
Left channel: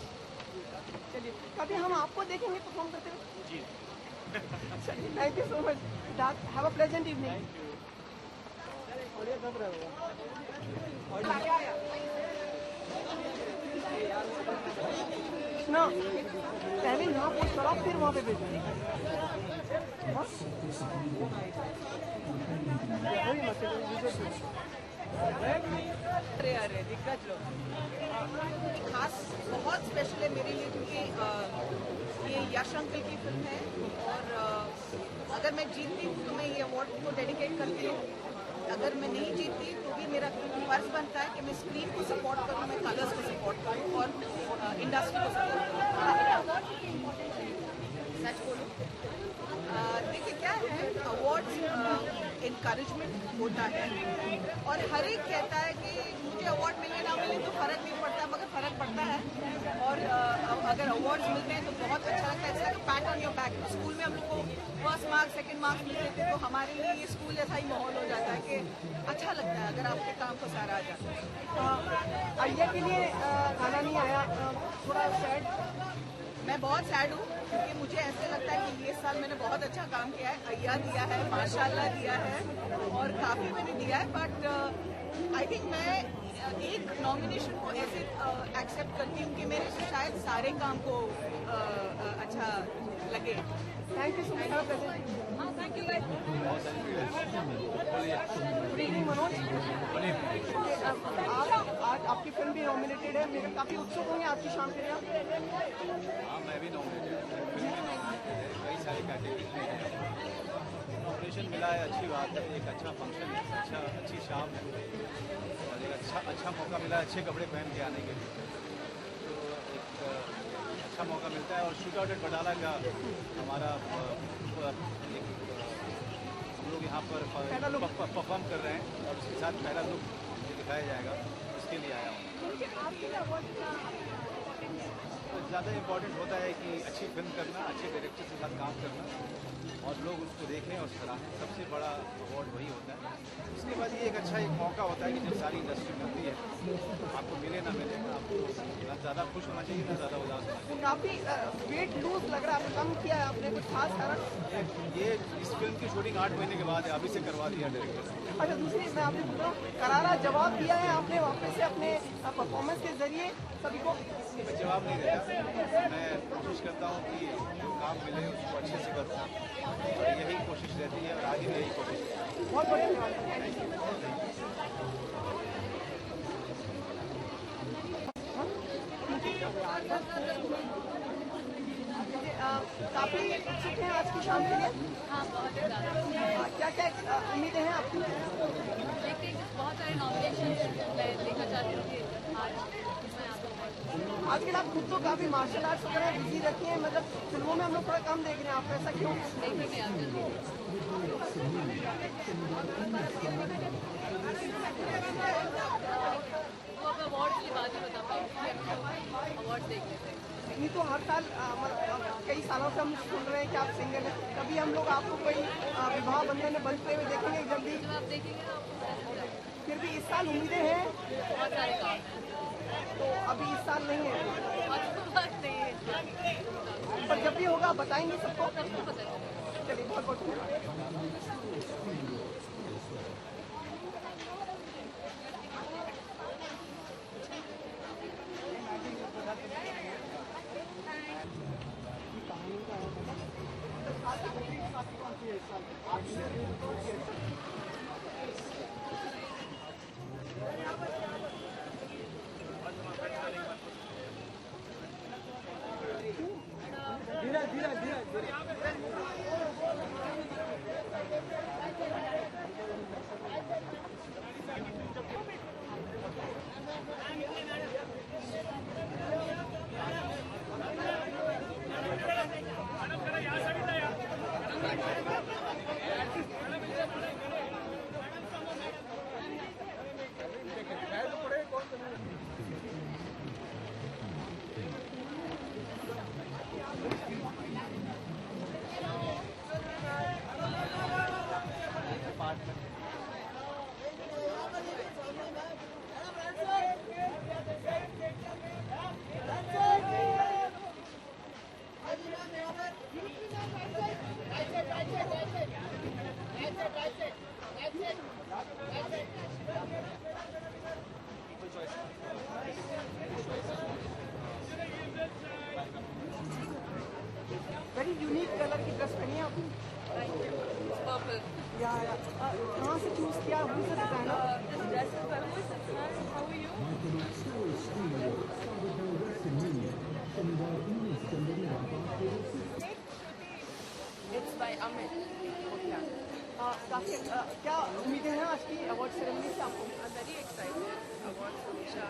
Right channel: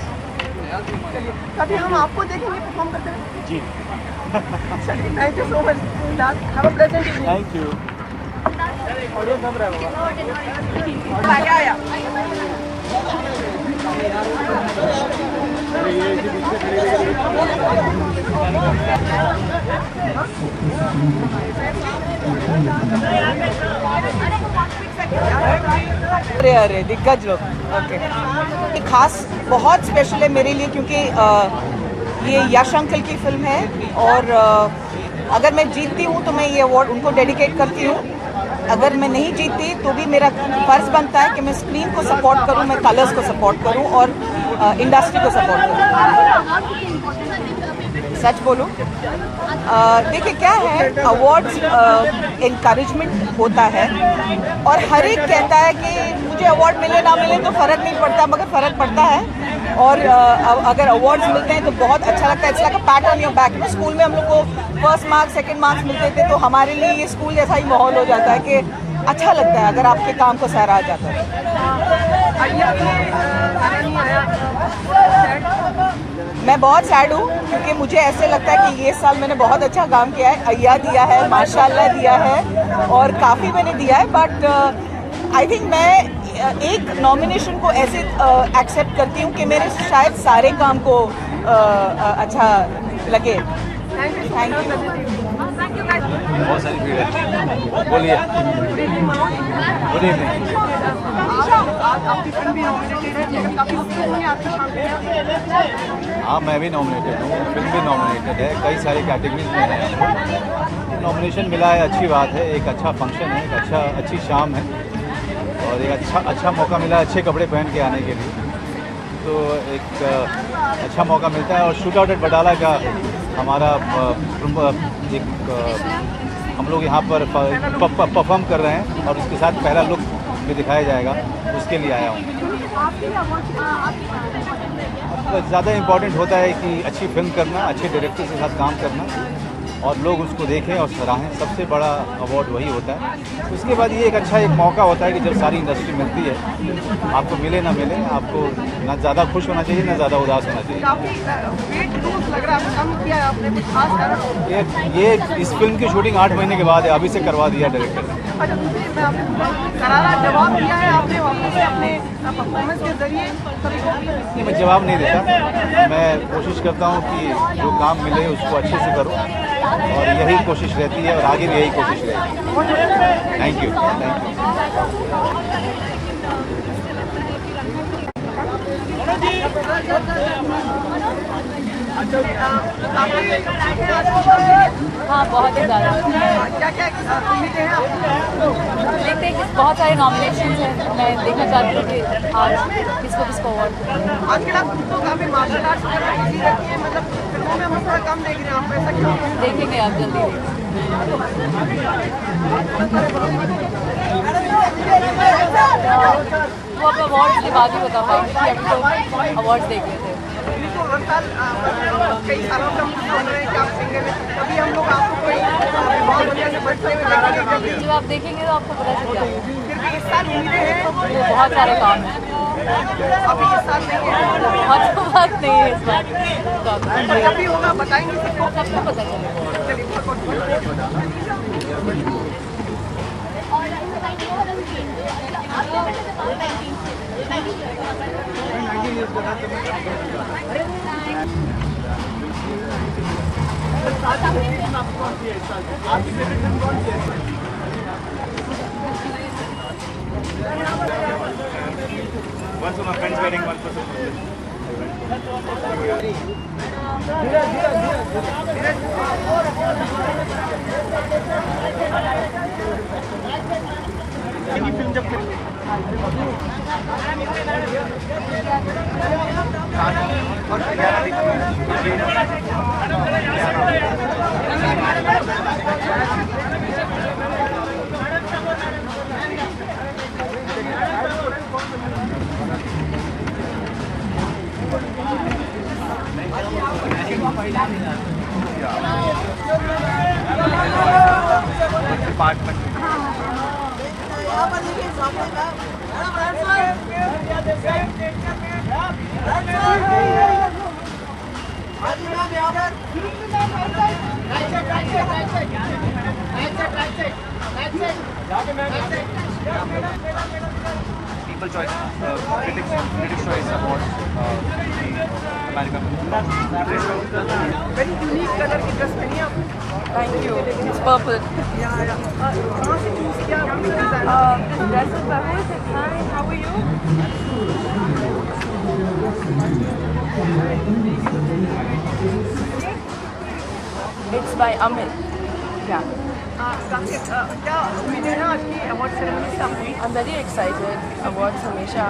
चलिए, कभी हम आपको देखेंगे परफॉर्म करते हुए। जी। चलिए, thank you so much. Have a pleasant evening. Thank you. Audio कम रहेगा। आया। अरे अरे दिग्गज लोग, ओके। खास बहुत स्पेशल है मेरे लिए क्योंकि ये यश अंकल की फिल्म है और अगर मैं जीतती हूँ तो मैं ये अवार्ड उनको डेडिकेट करती हूँ। अगर मैं नहीं जीतती तो भी मेरा फर्ज बनता है कि मैं स्क्रीन को सपोर्ट करूँ, मैं कलर्स को सपोर्ट करूँ और इंडस्ट्री को सपोर्ट करूँ। सच बोलूँ, देखिए क्या है, अवार्ड्स इनकरेजमेंट होता है और हर एक कहता है कि मुझे अवार्ड मिले ना मिले तो फ़र्क नहीं पड़ता, मगर फ़र्क पड़ता है। और अगर अवार्ड्स मिलते हैं तो बहुत अच्छा लगता है। It's like a PAT on your back. School में हम लोग को फर्स्ट मार्क्स सेकंड मार्क्स मिलते थे तो हमारे लिए ये स्कूल जैसा ही माहौल हो जाता है कि अच्छा लगता है अगर आपके काम को सराहा जाता है। मैं बहुत सैड हूँ क्योंकि मुझे ऐसे लगता है कि ये साल मैंने बहुत अच्छा काम किया है। अय्या दिया है, माशाल्लाह दिया है और काफ़ी मैंने दिया है, बट आई थिंक मैं एक नॉमिनेशन को ऐसे एक्सेप्ट करती हूँ कि मेरे शायद सारे काम को अच्छा लगे। Thank you. बहुत सारी भीड़ है, बोलिए। Good evening. हाँ, मैं भी नॉमिनेटेड हूँ, फिल्म भी नॉमिनेटेड है, कई सारी कैटेगरीज में है। नॉमिनेशन मिला है, अच्छी बात है। एक अच्छा फंक्शन है, एक अच्छी शाम है और एक अच्छा मौका मिला अच्छे कपड़े पहन के आने के लिए, तो एक अच्छा मौका मिलता है। और शूट आउट एट बटाला का हमारा एक हम लोग यहाँ पर परफॉर्म कर रहे हैं और उसके साथ पहला लुक भी दिखाया जाएगा, उसके लिए आया हूँ। ज़्यादा इम्पोर्टेंट होता है कि अच्छी फिल्म करना, अच्छे डायरेक्टर के साथ काम करना और लोग उसको देखें और सराहें, सबसे बड़ा अवार्ड वही होता है। उसके बाद ये एक मौका होता है कि जब सारी इंडस्ट्री मिलती है, आपको मिले ना मिले, आपको ना ज़्यादा खुश होना चाहिए ना ज़्यादा उदास होना चाहिए। ये इस फिल्म की शूटिंग 8 महीने के बाद है, अभी से करवा दिया डायरेक्टर ने। नहीं, मैं जवाब नहीं देता, मैं कोशिश करता हूँ कि जो काम मिले उसको अच्छे से करूँ और यही कोशिश रहती है और आगे भी यही कोशिश रहेगी। Thank you. हाँ, बहुत ही ज़्यादा। देखते हैं कि बहुत सारे नॉमिनेशन हैं, मैं देखना चाहती हूँ कि आज किसको अवार्ड। देखेंगे आप जल्दी। वो अब अवार्ड्स के बाद ही बता पाएंगे कि अभी तो अवार्ड्स देख रहे थे। कई सालों से हम रहे हैं कि आप सिंगर हैं, कभी हम लोग आपको कोई बहुत बढ़िया से बढ़ते हुए देखेंगे। जब आप देखेंगे तो आपको पता चल जाएगा। फिर इस साल उम्मीदें हैं, बहुत सारे काम हैं। अभी इस साल नहीं है, बहुत वक्त नहीं है इस बार। जब भी होगा बताएंगे सबको पता चलेगा। One for my friend's wedding, one for film जब department People Choice, Critics Choice Award, American. Very unique color की ड्रेस पहनी है आपने. Thank you. It's purple. कहाँ से चूज किया आपने design? Dress is perfect. Hi, how are you? It's by Amit. Yeah. क्या उम्मीद है आज की अवार्ड सेरेमनी से आपकी? I'm very excited. Awards हमेशा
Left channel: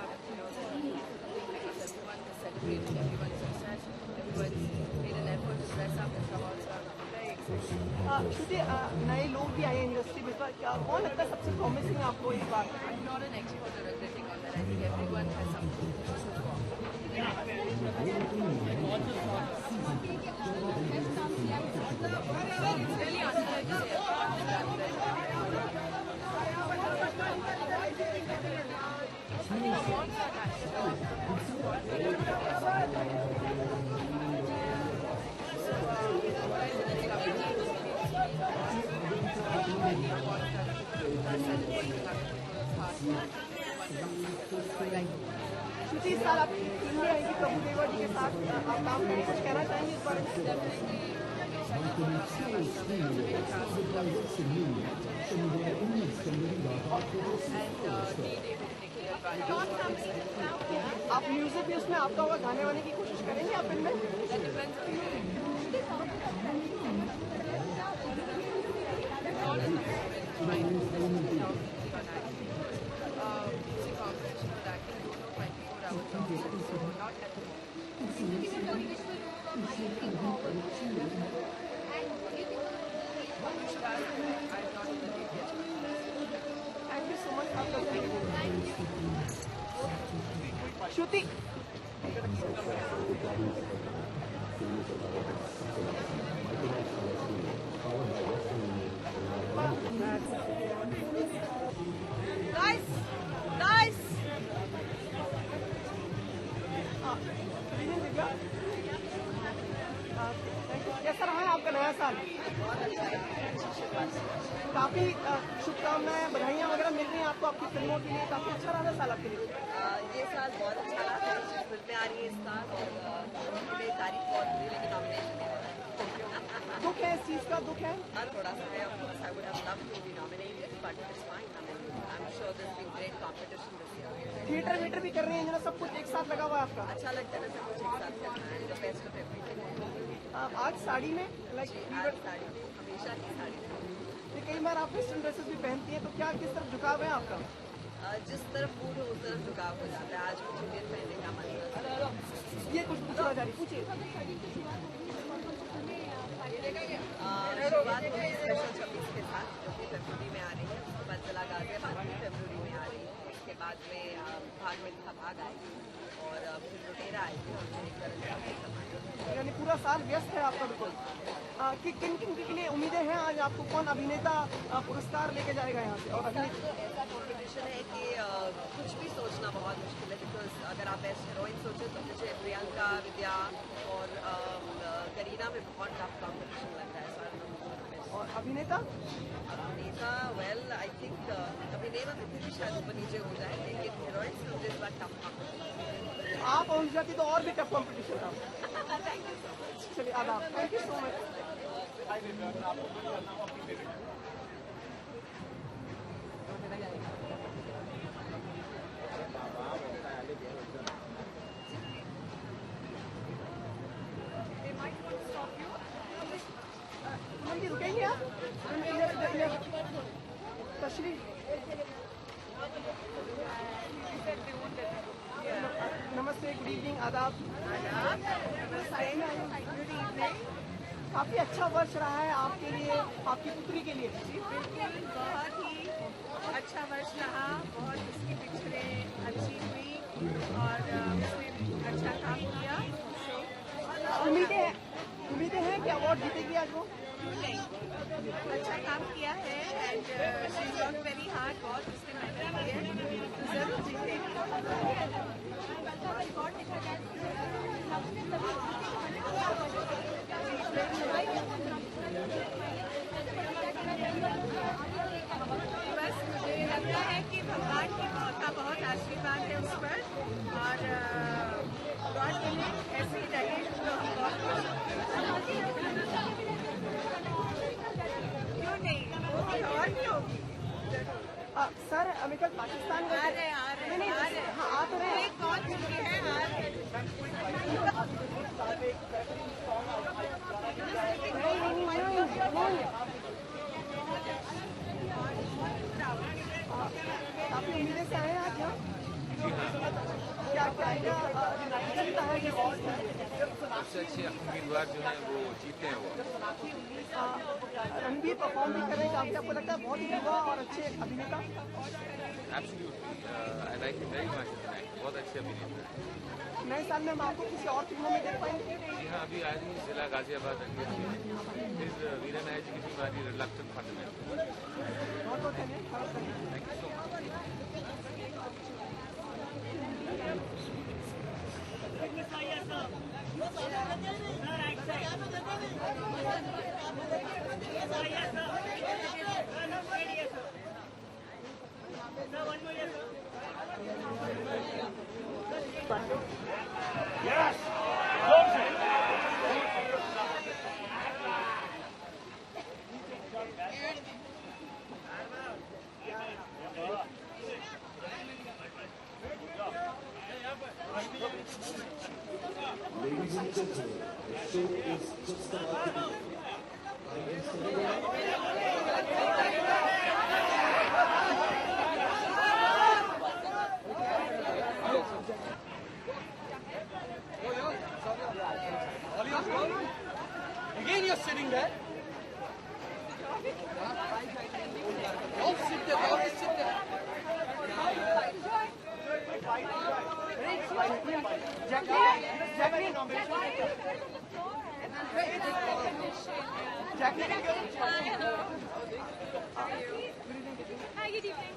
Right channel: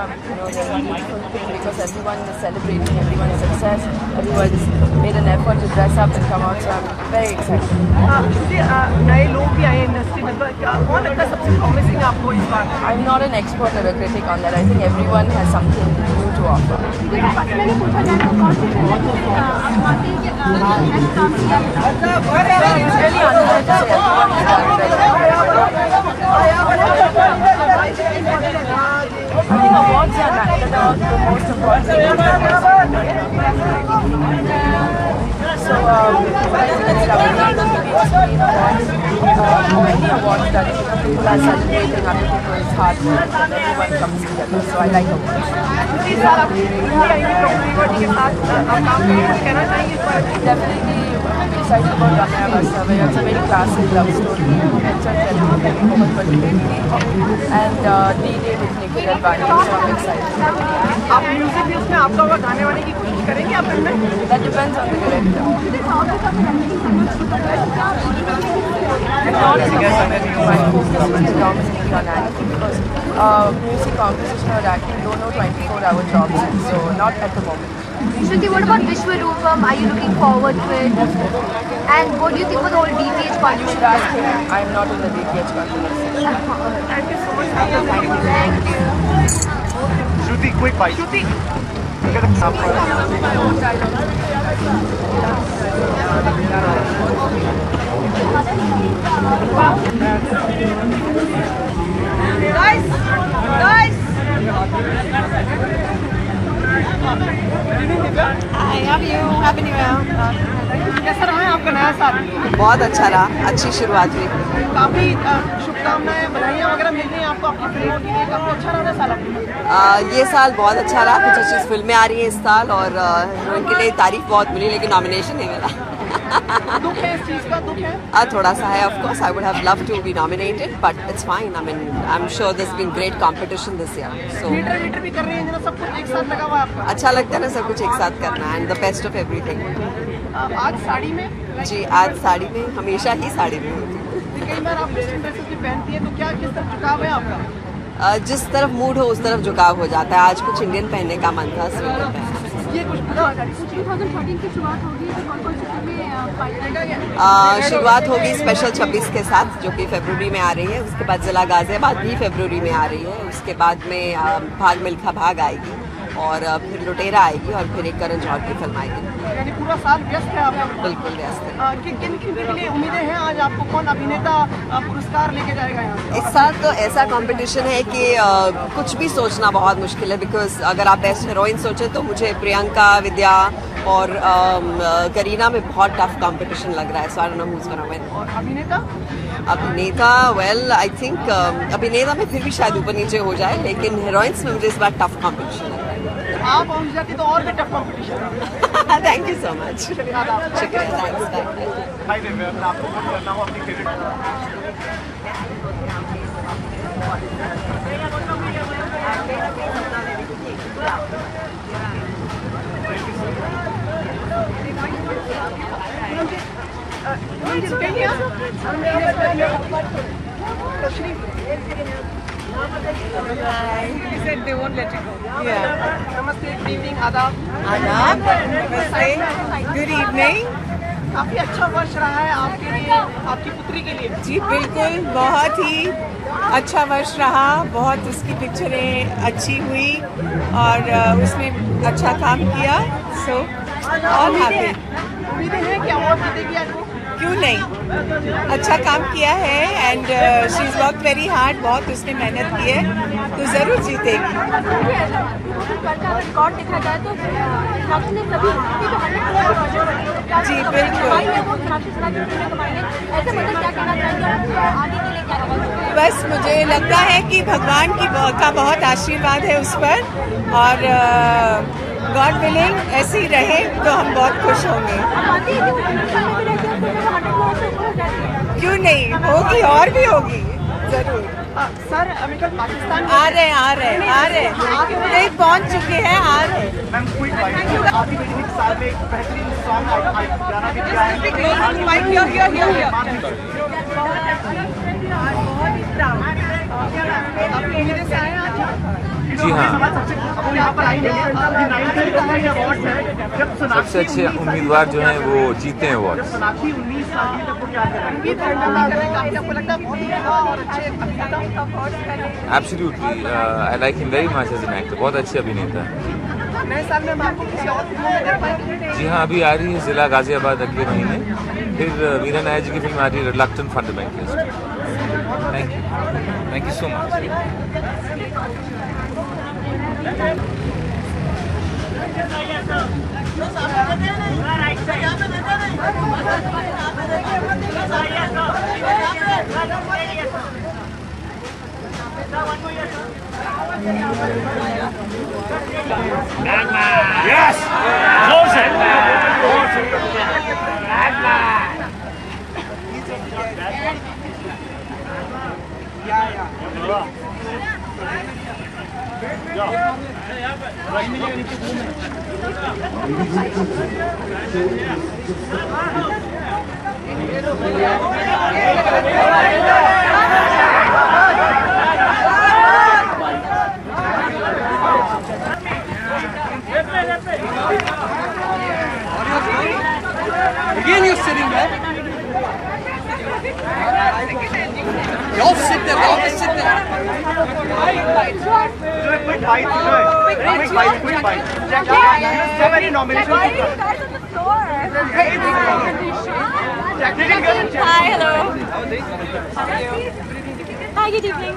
they're a beautiful thing because everyone is celebrating everyone's success. Everyone's made an effort to dress up and come out. So I'm very excited. नए लोग भी आए इंडस्ट्री में, कौन लगता है सबसे प्रॉमिसिंग आपको इस बार? I'm not an expert or a critic on that. I think everyone has something new to offer. I think awards are the most important thing. So, I think it's lovely to be explained awards. Many awards that people are celebrating other people's hard work and everyone comes together. So I like awards. Definitely excited about Ramya Vastavaya. It's a very classic love story. It's a and D-Day with Nikhil Advani. So I'm excited. आप music भी उसमें आपका होगा, गाने वाने की कोशिश करेंगे आप फिल्म में? That depends on the director. Not as a my focus is predominantly on acting because music composition or acting don't know 24-hour jobs, so not at the moment. Shruti, what about Vishwarupam? Are you looking forward to it? And what do you think about the whole DPH You controversy? should ask him. I'm not in the DPH controversy. Thank you so much. Thank you. Shruti, quick bite. Shruti, Get a sample. guys, Hi, love you. Happy New Year. कैसा रहा है आपका नया साल? बहुत अच्छा रहा, अच्छी शुरुआत हुई. काफी शुभकामनाएं, बधाइयां वगैरह मिल रही हैं आपको आपकी फिल्मों के लिए. काफी अच्छा रहा साल आपका. ये साल बहुत अच्छा रहा. कुछ अच्छी फिल्में आ रही हैं इस साल और उनके लिए तारीफ बहुत मिली लेकिन नॉमिनेशन नहीं मिला. दुख है इस चीज का, दुख है. थोड़ा सा है. Of course, I would have loved to be nominated, but it's fine. I mean, I'm sure there's been great competition this year. So theatre भी कर रहे हैं जरा, सब कुछ एक साथ लगा हुआ है आपका. अच्छा लगता है ना सब कुछ एक साथ करना and the best of everything. आज साड़ी में? जी, आज साड़ी में, हमेशा ही साड़ी में होती हूँ. कई बार आप वेस्टर्न ड्रेसेस भी पहनती हैं, तो क्या किस तरफ झुकाव है आपका? जिस तरफ मूड हो उस तरफ झुकाव हो जाता है. आज कुछ इंडियन पहनने का मन था. ये कुछ पता हो जाए. 2013 की शुरुआत होगी तो कौन-कौन सी फिल्में शुरुआत होगी स्पेशल 26 के साथ जो कि फरवरी में आ रही है. उसके बाद ज़िला गाज़ियाबाद भी फरवरी में आ रही है. उसके बाद में भाग मिल्खा भाग आएगी और फिर लुटेरा आएगी और फिर एक करण जौहर की फिल्म आएगी. यानी पूरा साल व्यस्त है आपका. बिल्कुल व्यस्त है. किन किन के लिए उम्मीदें हैं? आज आपको कौन अभिनेता पुरस्कार लेके जाएगा यहाँ? इस साल तो ऐसा कंपटीशन है कि कुछ भी सोचना बहुत मुश्किल है बिकॉज अगर आप बेस्ट हीरोइन सोचें तो मुझे प्रियंका, विद्या और करीना में बहुत टफ कंपटीशन लग रहा है. So I don't know who's gonna win. और अभिनेता? अभिनेता वेल आई थिंक अभिनेता में फिर भी शायद ऊपर नीचे हो जाए लेकिन हीरोइंस में मुझे इस बार टफ कंपटीशन लग रहा है. आप पहुँच जाती तो और भी tough competition. Thank you so much. शुक्रिया. थैंक्स. हाय दिव्या, आपको कुछ करना हो अपनी favourite. They won't let you go. नमस्ते, गुड इवनिंग, आदाब. नमस्ते. Good evening. काफी अच्छा वर्ष रहा है आपके लिए, आपकी पुत्री के लिए. जी बिल्कुल, बहुत ही अच्छा वर्ष रहा. बहुत उसकी पिक्चरें अच्छी हुई और उसने अच्छा काम किया. So all happy. उम्मीदें हैं कि अवार्ड देगी आपको? क्यों नहीं, अच्छा काम किया है and she is work very hard, बहुत उसने मेहनत की है तो ज़रूर जीतेगी। रिकॉर्ड देखा जाए तो जी बिल्कुल। बस मुझे लगता है कि भगवान का बहुत आशीर्वाद है उस पर और गॉड विलिंग ऐसे ही रहे तो हम बहुत खुश होंगे। क्यों नहीं, होगी और भी होगी ज़रूर। सर अमेरिकन पाकिस्तान आ रहे नहीं पहुंच चुके हैं, आ रहे हैं। मैम क्विक बाइट, आपकी बेटी ने साल में एक बेहतरीन सॉन्ग गाना भी दिया है। जी हाँ, यहाँ पर आएंगे सबसे अच्छे उम्मीदवार जो हैं वो जीते हैं award. Absolutely, I like him very much as an actor, बहुत अच्छे अभिनेता है। जी हाँ, अभी आ रही है जिला गाजियाबाद अगले महीने, फिर मीरा नायर जी की फिल्म आ रही है reluctant fundamentalist. Thank you so much. Yes! Close it! Again you're sitting there. Y'all sit there, y'all just sit there. Quick bite. So many nominations. Hi, hello. Hi, good evening.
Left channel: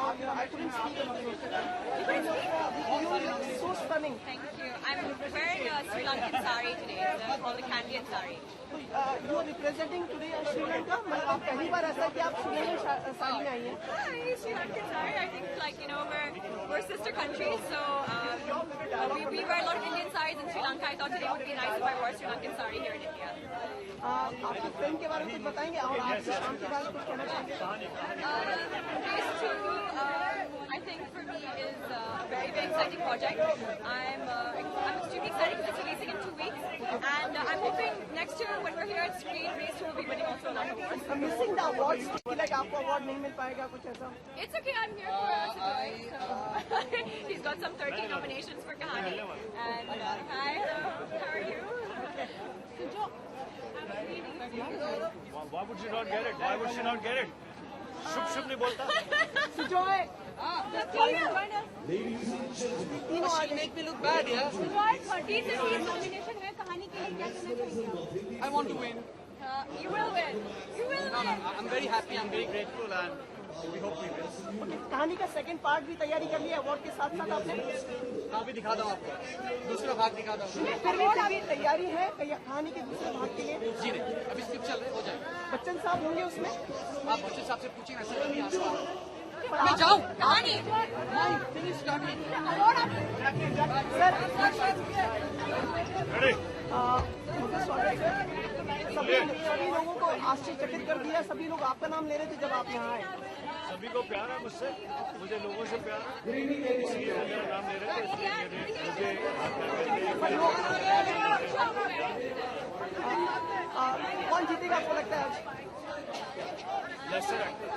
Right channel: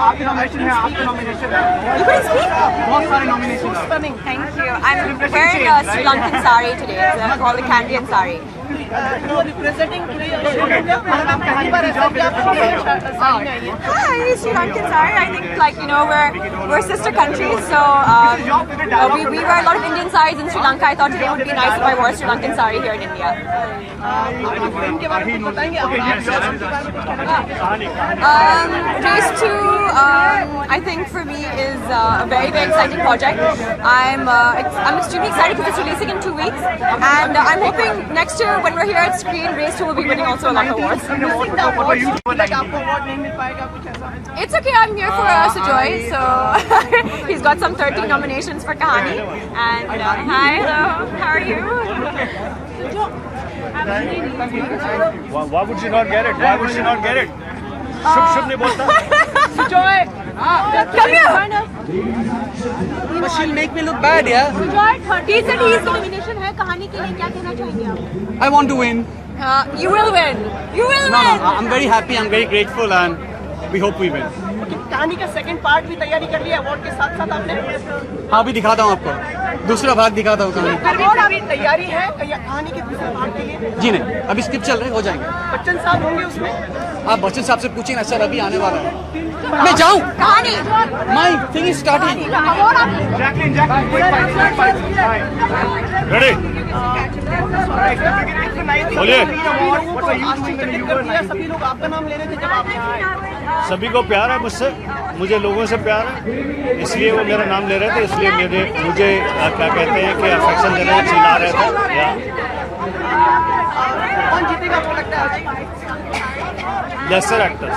आपकी nomination है, आपका nomination है। You can speak? बहुत सारे nomination हैं। Stunning, thank you. I'm wearing a Sri Lankan sari today. It's called a Candian sari. Representing Hi, Sri Lankan sari. I think, like, you know, we're sister countries, so we wear a lot of Indian saris in Sri Lanka. I thought today would be nice if I wore a Sri Lankan sari here in India. Race 2, I think for me is a very, very exciting project. I'm extremely excited because it's releasing in 2 weeks, and I'm hoping next year when we're here at screen, Race 2 will be winning also a lot of awards. It's okay, I'm here for Sujoy, so he's got some 13 nominations for Kahani. And hi, hello, how are you? Why would she not get it? Why would she not get it? शुभ नहीं बोलता। Sujoy, come here. But she'll make me look bad, yeah? Sujoy, 30 said he's nomination है कहानी के लिए, क्या कहना चाहेंगे आप? I want to win. You will win. You will No, win. I'm very happy, I'm very grateful, and we hope we win. कहानी का सेकंड पार्ट भी तैयारी कर लिया अवार्ड के साथ साथ आपने? हाँ, अभी दिखाता हूँ आपको, दूसरा भाग दिखाता हूँ कहानी। अवार्ड अभी तैयारी है कहानी के दूसरे पार्ट के लिए? जी नहीं, अभी स्क्रिप्ट चल रहे हैं, हो जाएंगे। बच्चन साहब होंगे उसमें? आप बच्चन साहब से पूछिए ना सर, अभी आने वाला है। मैं जाऊँ? कहानी। My thing is starting. Ready? बोलिए। सभी लोग आपका नाम ले रहे थे जब आप यहाँ आए। सभी को प्यार है मुझसे, मुझे लोगों से प्यार है, इसलिए वो मेरा नाम ले रहे थे, इसलिए मुझे क्या कहते हैं कि अफेक्शन देने में चिल्ला रहे थे। कौन जीतेगा आपको लगता है? Lesser actors.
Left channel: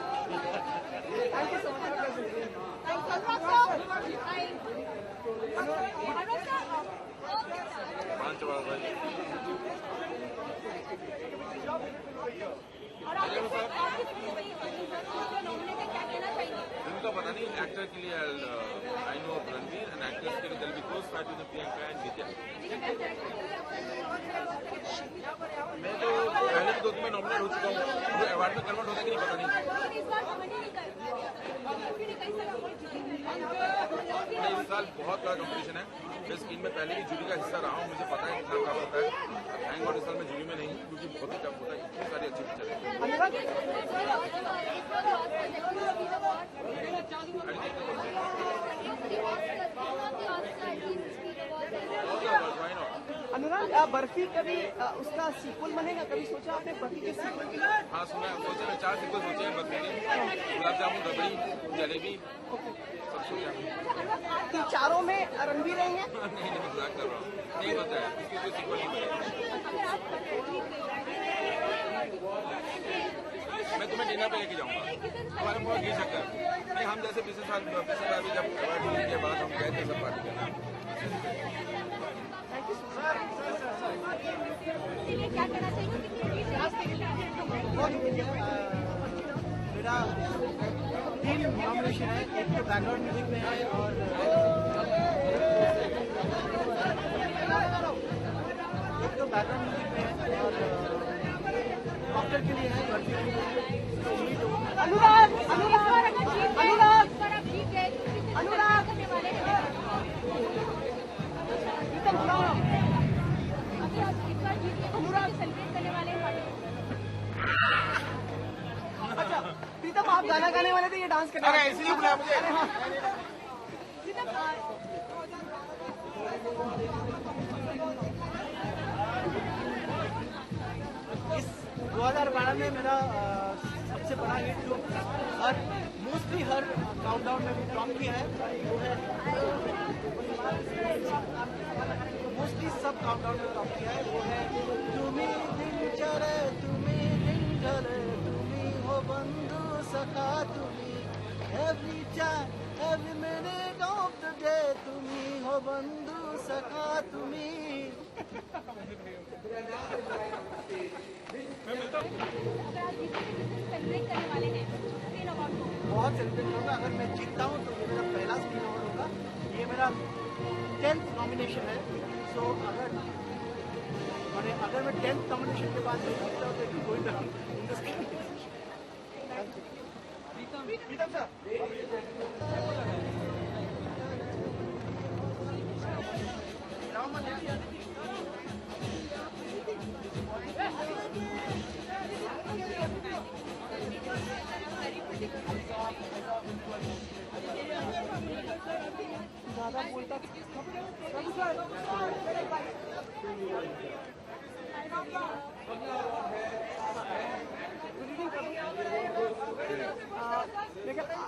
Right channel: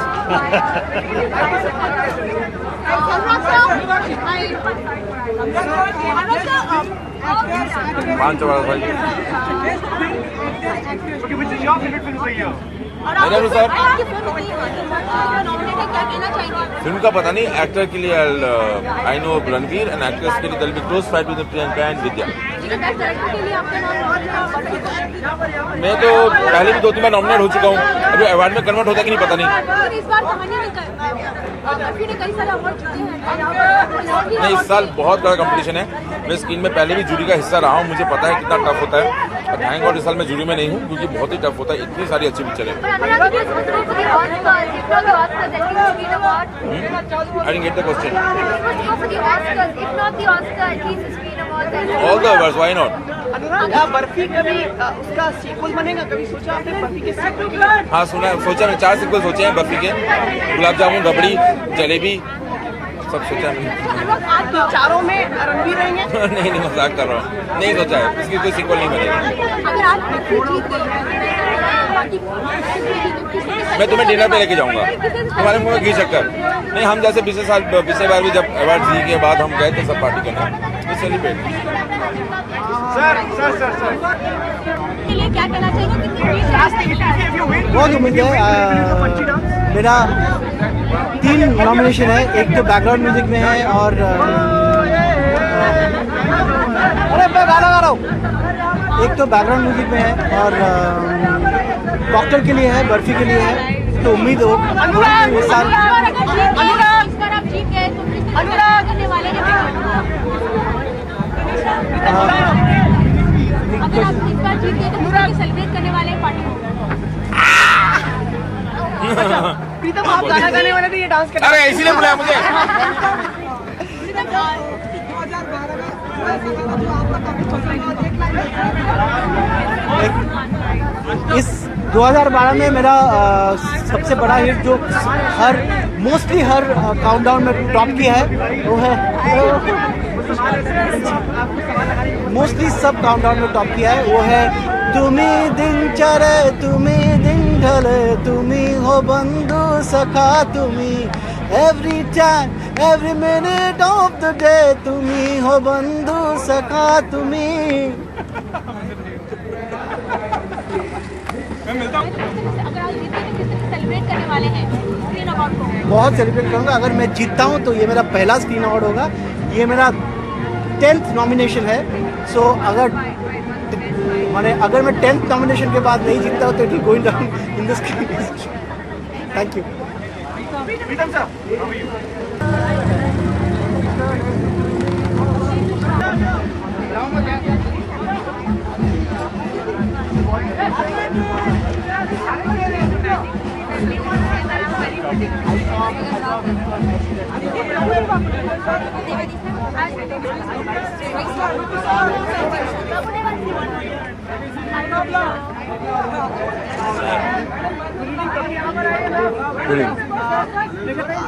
पाँच वाला भाई मेरे अनुसार फिल्म का पता नहीं, एक्टर के लिए I know Ranveer and actress के लिए will be close fight with Priyanka and Vidya. मैं तो पहले भी 2-3 बार नॉमिनेट हो चुका हूँ, अभी अवार्ड में कन्वर्ट होता है कि नहीं पता नहीं। इस बार कहानी ने कई सारे अवार्ड जीते हैं। नहीं, इस साल बहुत बड़ा कंपटीशन है। मैं स्क्रीन में पहले भी जूरी का हिस्सा रहा हूँ, मुझे पता है कितना टफ होता है। और थैंक गॉड इस साल मैं जूरी में नहीं हूँ, क्योंकि बहुत ही टफ होता है, इतनी सारी अच्छी पिक्चर है। I didn't get the question. All the awards, why not? Barfi कभी उसका सीक्वल बनेगा, कभी सोचा आपने बर्फी के सीक्वल की? हाँ सुना, सोचा मैं 4 सीक्वल सोचे हैं बर्फी के, गुलाब जामुन, रबड़ी, जलेबी, सब सोचा है। तो चारों में रणबीर रहेंगे? नहीं मजाक कर रहा हूँ, नहीं सोचा है, इसकी कोई सीक्वल नहीं बनेगा। अगर आप जीत गए, मैं तुम्हें डिनर पे लेके जाऊंगा, तुम्हारे मुंह में घी शक्कर नहीं। हम जैसे पिछले बार भी जब अवार्ड जीत के बाद हम गए थे सब पार्टी करने, तो सेलिब्रेट। सर क्या कहना चाहिए? बहुत उम्मीद है। मेरा 3 नॉमिनेशन है, एक तो बैकग्राउंड म्यूजिक में है और अरे मैं गाना गा रहा हूँ, एक तो बैकग्राउंड म्यूजिक में है और डॉक्टर के लिए है, बर्फी के लिए है। तो उम्मीद हो इस साल सेलिब्रेट करने वाले हैं पार्टी। प्रीतम आप गाना गाने वाले थे, ये डांस करने। अरे इसीलिए बुलाया मुझे। इस 2012 में मेरा सबसे बड़ा हिट जो मोस्टली हर काउंटडाउन में टॉप किया है वो है, मोस्टली सब काउंटडाउन में टॉप किया है वो है तुमी दिन चढ़े तुमी दिन ढले तुमी हो बंधु सखा तुमी every time every minute of the day तुमी हो बंधु सखा तुमी। सेलिब्रेट करने वाले हैं स्क्रीन अवार्ड को? बहुत सेलिब्रेट करूंगा। अगर मैं जीतता हूं तो ये मेरा पहला स्क्रीन अवार्ड होगा, ये मेरा 10th नॉमिनेशन है। सो अगर मैं 10th नॉमिनेशन के बाद नहीं जीतता हूं तो it will going down in the screen. Thank you.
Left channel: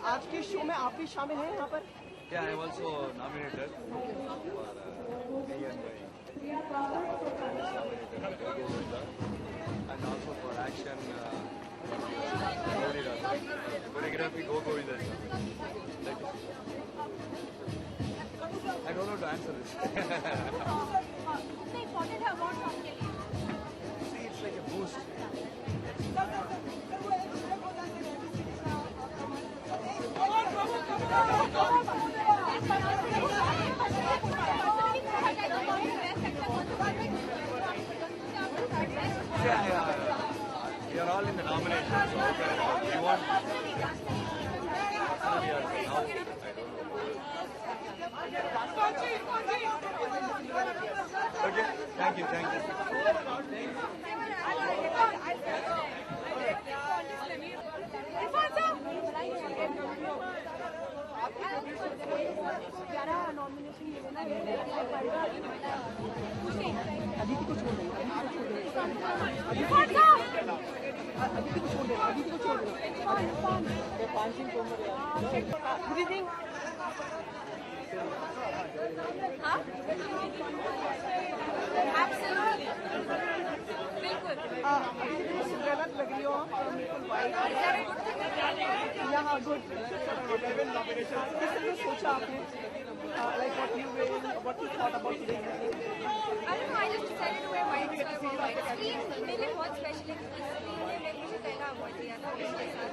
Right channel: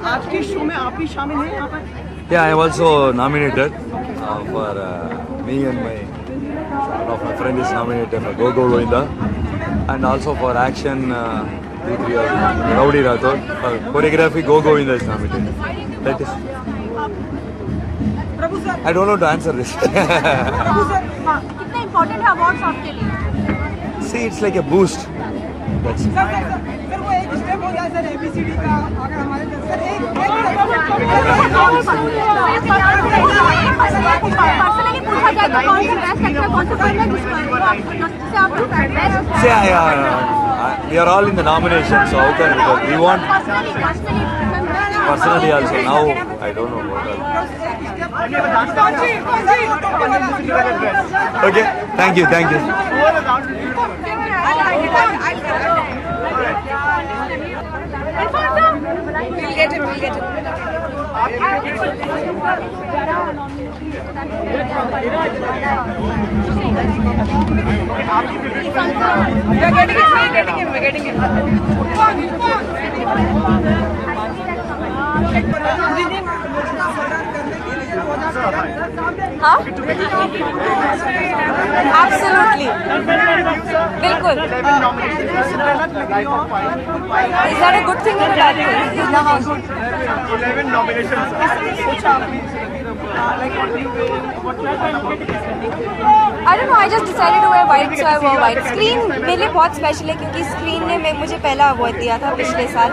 आज के शो में आप भी शामिल हैं यहाँ पर? Yeah, I am also nominated for me and one of my friend is nominated for Go Go Govinda, and also for action Rowdy Rathod. Choreography Go Govinda is nominated. That is. I don't know to answer this. कितने important है awards आपके लिए? See, it's like a boost. That's it. Sir वो एक step हो जाए sir ABCD का, अगर हमारे सर एक पर्सनली पूछा जाए तो कौन सा बेस्ट एक्टर, कौन सा फिल्म है जिससे आप See, we are all in the nomination, so how can we want personally also now I don't know what else. Okay, thank you. We'll get it. We're getting it. हाँ? Absolutely. बिल्कुल. Is that a good thing or a bad thing? 11 nominations. I don't know. I just decided to wear white, so I wore white. Screen मेरे लिए बहुत special है क्योंकि screen ने मुझे पहला अवार्ड दिया था पिछले साल,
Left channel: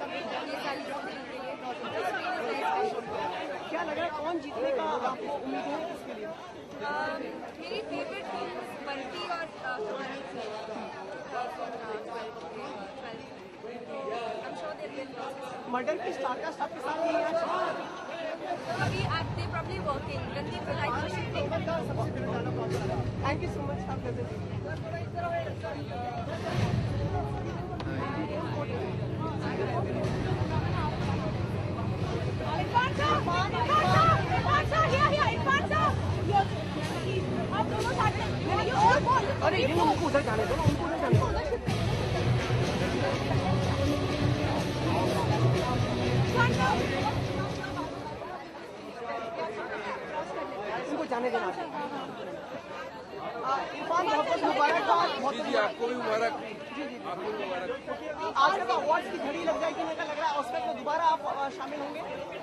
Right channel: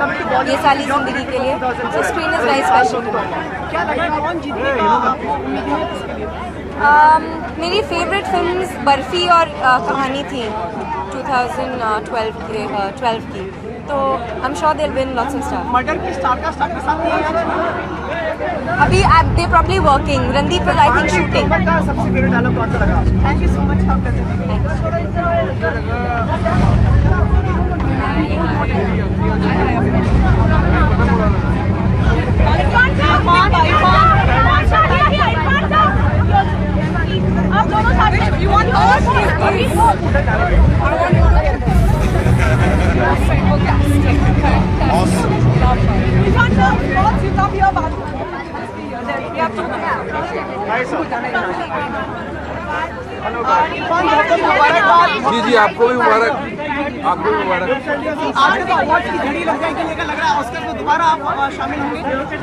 ये साली जिंदगी के लिए. So screen is very special. मेरी फेवरेट फिल्म्स बर्फी और कहानी थी 2012 की, तो I am sure they will win lots of star. Murder की स्टारकास्ट आपके साथ नहीं है? अभी they probably working, Randeep will I think shooting. सबसे फेवरेट डायलॉग कौन सा लगा? Thank you so much. आप दोनों साथ में यू वांट जी जी, आपको भी मुबारक, आपको भी मुबारक। आज तो अवार्ड की घड़ी लग जाएगी लेकर लग रहा है ऑस्कर में दोबारा आप शामिल होंगे?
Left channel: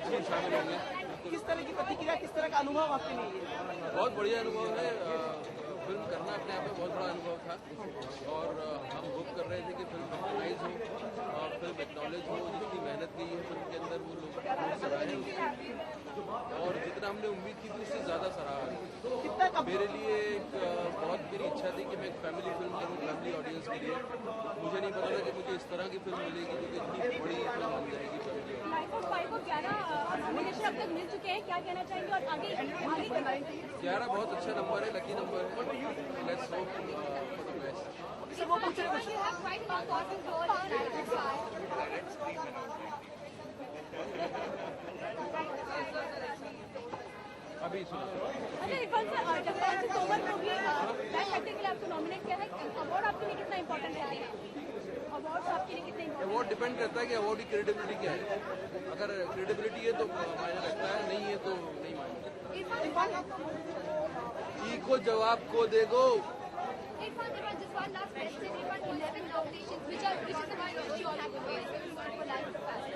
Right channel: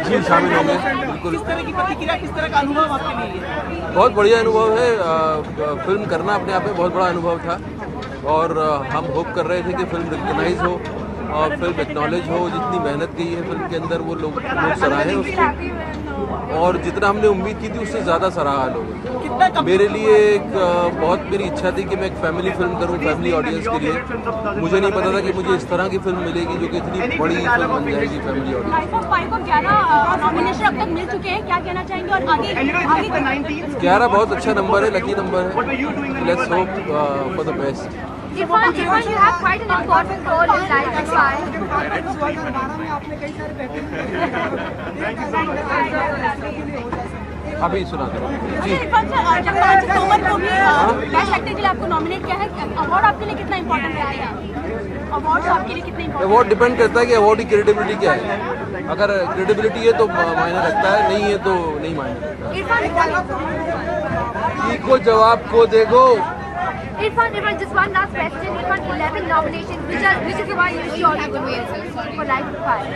जी शामिल होंगे बिल्कुल। किस तरह की प्रतिक्रिया, किस तरह का अनुभव आपके लिए? बहुत बढ़िया अनुभव है। फिल्म करना अपने आप में बहुत बड़ा अनुभव था और हम होप कर रहे थे कि फिल्म रिकग्नाइज हो और फिल्म एक्नॉलेज हो। जितनी मेहनत की है फिल्म के अंदर वो लोग सराहे उसको, और जितना हमने उम्मीद की थी उससे ज़्यादा सराहा लोगों। मेरे लिए एक बहुत मेरी इच्छा थी कि मैं एक फैमिली फिल्म करूं, फैमिली ऑडियंस के लिए। मुझे नहीं पता था कि मुझे इस तरह की फिल्म मिलेगी जो कि इतनी बड़ी फिल्म बन जाएगी फैमिली ऑडियंस। 11 अब तक मिल चुके हैं, क्या कहना चाहेंगे और आगे 11 बहुत अच्छा नंबर है, लकी नंबर है। Let's hope for the best. Irfan, you have quite an important role in Life is Fine. अभी सुना दो जी। इरफान सर, जगपाल तोमर को भी बेस्ट एक्टर के लिए आपको नॉमिनेट किया है। अवार्ड आपके लिए कितना इंपॉर्टेंट रहेगा? अवार्ड आपके लिए कितने इंपॉर्टेंट? अवार्ड डिपेंड करता है कि अवार्ड की क्रेडिबिलिटी क्या है। अगर क्रेडिबिलिटी है तो मायने रखता है, नहीं है तो नहीं मायने रखता। को जवाब को देखो। Irfan, just one last question. Irfan, 11 nominations. Which is the one you sure you will win for Life is Fine?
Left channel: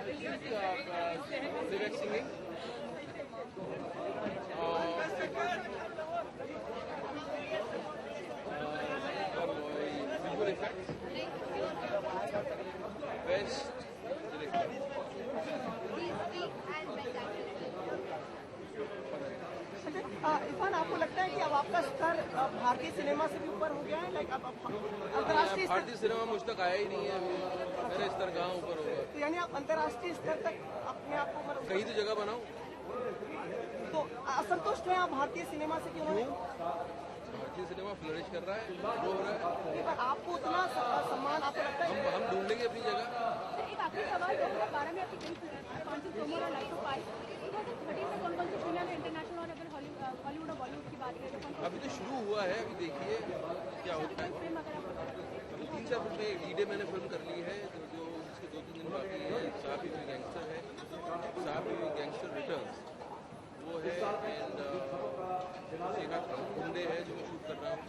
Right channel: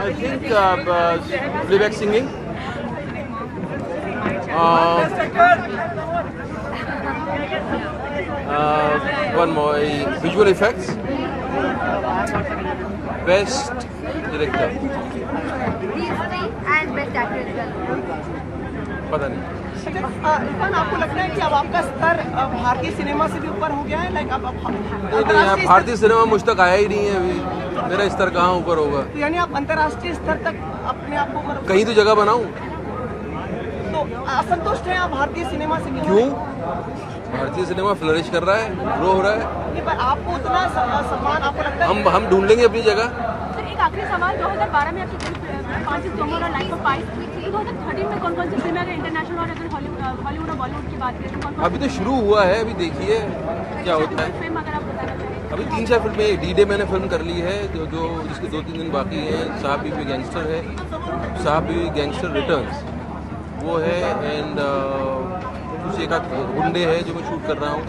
I think playback singing. One more, visual effects. Best director. These three and best actor as well. पता नहीं। इरफान, आपको लगता है कि अब आपका स्तर भारतीय सिनेमा से भी ऊपर हो गया है? लाइक अब नहीं, भारतीय सिनेमा मुझ तक आया ही नहीं है अभी। मेरा स्तर कहाँ ऊपर होगा? तो यानी आप अंतर्राष्ट्रीय स्तर तक अपने आप को कहीं तो जगह बनाऊं। तो असंतुष्ट हैं आप भारतीय सिनेमा से? क्यों? भारतीय सिनेमा फ्लरिश कर रहा है, ग्रो हो रहा है। नहीं, पर आपको उतना सम्मान आपको लगता है? हम ढूंढ लेंगे अपनी जगह। एक आखिरी सवाल, 2012 में आपकी 5 तोमर और लाइफ ऑफ पाइन, 2013 में कौन सी फिल्म है इंटरनेशनल और अगर हॉलीवुड और बॉलीवुड की बात करें तो अभी तो शुरू हुआ है, अभी देखिए क्या होता है। फिल्म अगर आप बताना चाहें? अभी 3-4 फिल्में, डी-डे मैंने फिल्म कर ली है जो जिसके 2-3 दिन बाकी हैं। साहब भी गैंगस्टर है, साहब भी गैंगस्टर रिटर्न्स वो है, एंड कुछ एक आध गुंडे है जो मैं शूट कर रहा हूँ।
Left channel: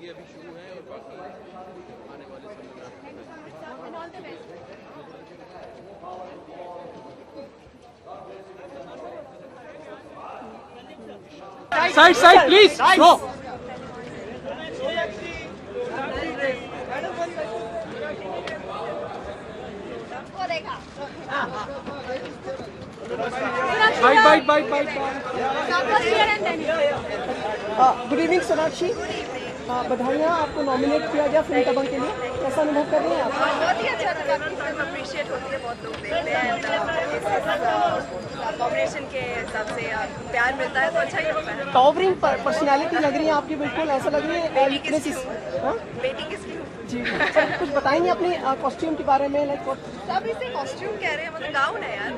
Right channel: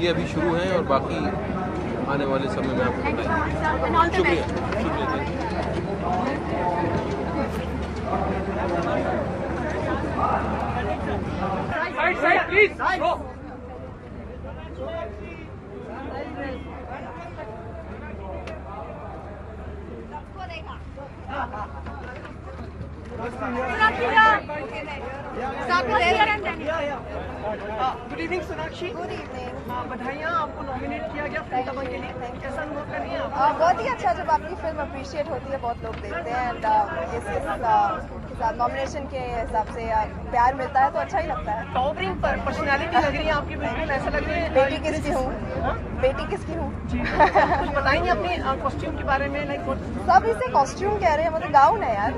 ये अभी शुरू हैं और बाकी आने वाले समय में आपको बताएंगे। शुक्रिया। Side, please. Go. Bye. Good evening Sonakshi. बधाइयाँ, आपको नॉमिनेट किया गया फिल्म दबंग के लिए, कैसा अनुभव कर रही हैं आप? बहुत ही अच्छा, जब आपकी फिल्म अप्रिशिएट होती है बहुत लोग देखते हैं, एंड नॉमिनेशन के हिसाब से प्यार मिलता है तो अच्छा ही लगता है। टॉवरिंग पर्सनैलिटी लग रही है आपकी, बिल्कुल ऐसा लग रही है। बेटी किसकी हूँ? कुछ बताएंगे अपनी कॉस्ट्यूम के बारे में? लाइक सब इसे कॉस्ट्यूम कह रहे हैं, मतलब गाउन है यार।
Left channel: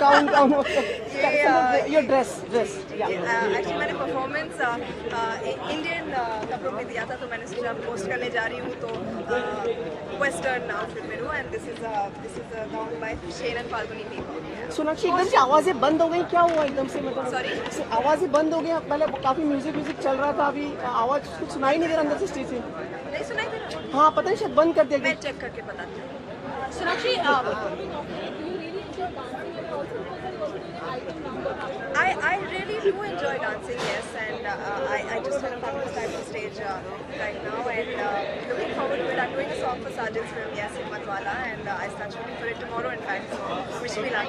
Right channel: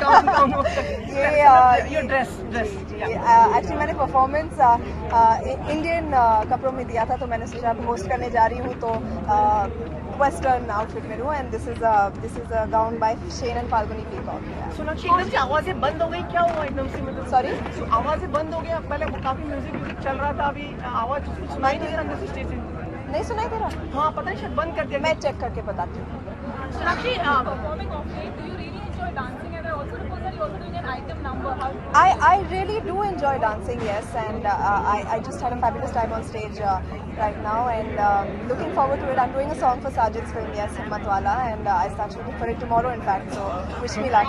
Gown your dress. एक्चुअली मैंने परफॉर्मेंस इंडियन कपड़ों में दिया था, तो मैंने सोचा होस्ट करने जा रही हूँ तो वेस्टर्न आउटफिट में हूँ, and this is a gown by Shane and Falguni Peacock. Sonakshi, एकदम से आवाज़ें बंद हो गई, क्या हुआ एकदम से? मतलब सॉरी, आवाज़ें बंद हो गई? पहले काफ़ी म्यूजिक चल रहा था, अभी आवाज़ कुछ सुनाई नहीं दे रहा अंदर से स्टेज से। नहीं सुनाई दे रहा? हाँ, पता नहीं, शायद बंद कर दिया। मैं चेक करके बताती हूँ। I really do enjoy dancing, yes, and I just had a fabulous time on stage right now, and looking forward to it. I'm doing a song for Sajid's film, yes, Himmatwala, and I start shooting for it tomorrow, in fact. So wish me luck.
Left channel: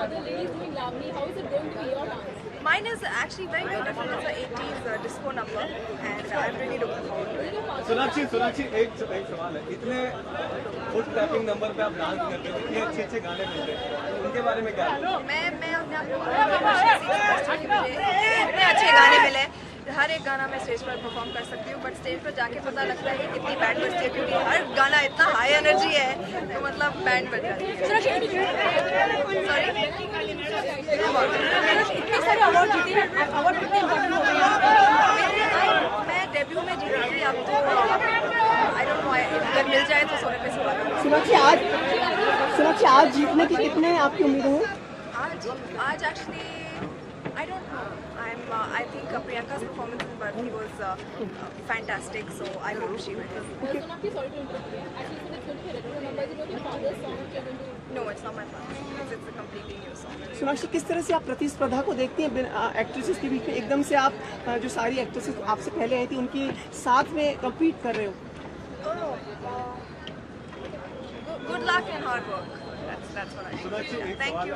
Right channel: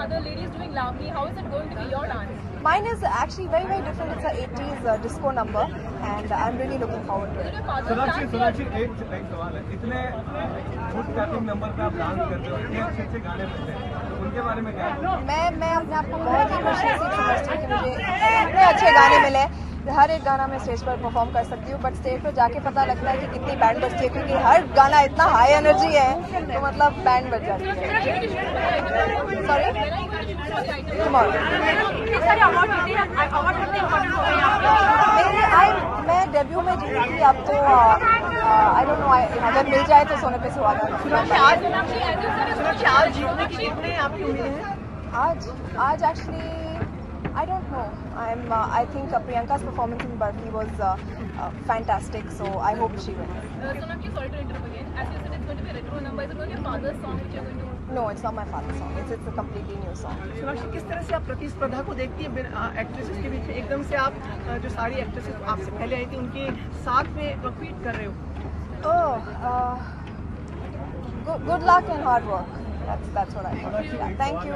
other ladies doing Lamni. How is it going to be your dance? Mine is actually very, very different. It's an 80s disco number, and I'm really looking forward to it. Sonakshi एक सवाल है, इतने foot tapping number पे आप dance करते हो, इतने अच्छे गाने मिलते हैं, उनके बारे में क्या है? मैं अपने आप को बहुत ही खुशनसीब समझती हूँ कि मुझे इतने अच्छे गाने मिले। हर एक गाना मैं स्टेज पर परफॉर्म कर सकती हूँ, बट स्टेज पर जाके पता लगता है कि कितनी बैंड बजती है, क्योंकि हर गाना इतना हाई एनर्जी है तो मतलब बैंड बज जाती है। मैं डेब्यू में जीती थी, अब तो आई डोंट नो, अगर मिल जाए तो सोने पे सुहागा। सोनाक्षी आज जीतने की कितने आपकी उम्मीदें हैं? आज actually I don't know. I think Priyanka's performance in Barbie was fantastic, so I hope she wins. No, it's not my father's song. It's a completely new song. Sonakshi, किस तरह से आप प्रतिस्पर्धा को देखती हैं एक्ट्रेसेस के बीच में? एकदम से आप जो सारी एक्ट्रेसेस आपसे पहले आई थी उनकी साथ में कम्पीट कर रहे हो? Good luck and hard work. That's what I think. Thank you.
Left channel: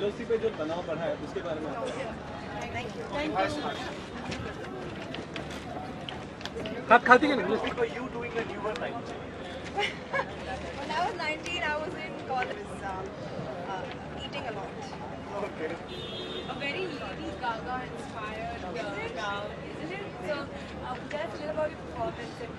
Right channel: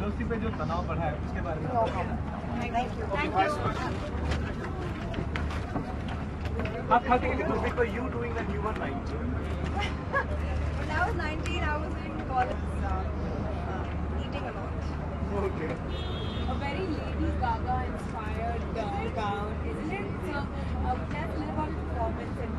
LOC पे जो तनाव बढ़ा है उसके बारे में? Thank you. आप खाती क्या नहीं? Were you doing the newer night? When I was 19, I was in college, eating a lot. Okay. A very Lady Gaga inspired gown, isn't it? So, just a little more performance and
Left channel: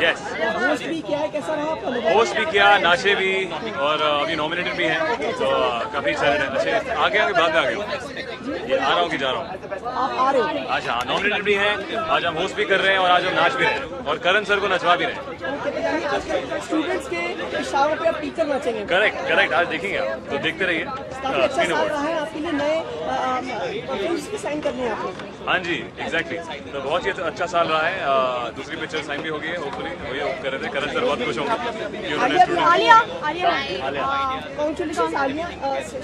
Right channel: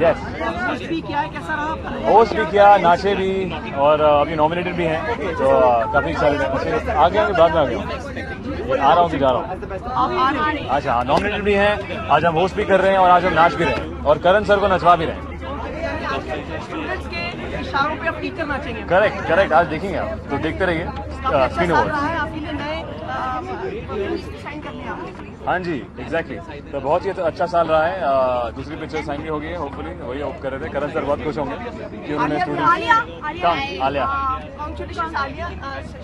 yes, host भी किया, नाचे भी, और अभी nominated भी हैं, तो काफ़ी सारे अच्छे आगे बाद में आ गए, आ रहा हूँ कि जा रहा हूँ। अच्छा हाँ, नॉमिनेटेड भी हैं, आज हम होस्ट भी कर रहे हैं और आज हम नाच भी रहे हैं और करण सर को नचवा भी रहे हैं। स्टूडेंट्स के इशारों पे आप टीचर नाचेंगे? करेक्ट, आज देखेंगे आप, तो देखते रहिए। स्क्रीन अवार्ड आपके लिए नए फिल्म्स भी साइन करने हैं? हाँ जी, एग्जैक्टली, तो बहुत ही अच्छा साल रहा है। दूसरी पिक्चर साइन भी हो गई है, होपफुली वही होप कर रहे थे। करण सर बहुत खुश होंगे कि उन्होंने आलिया कांग्रेचुलेशंस आलिया,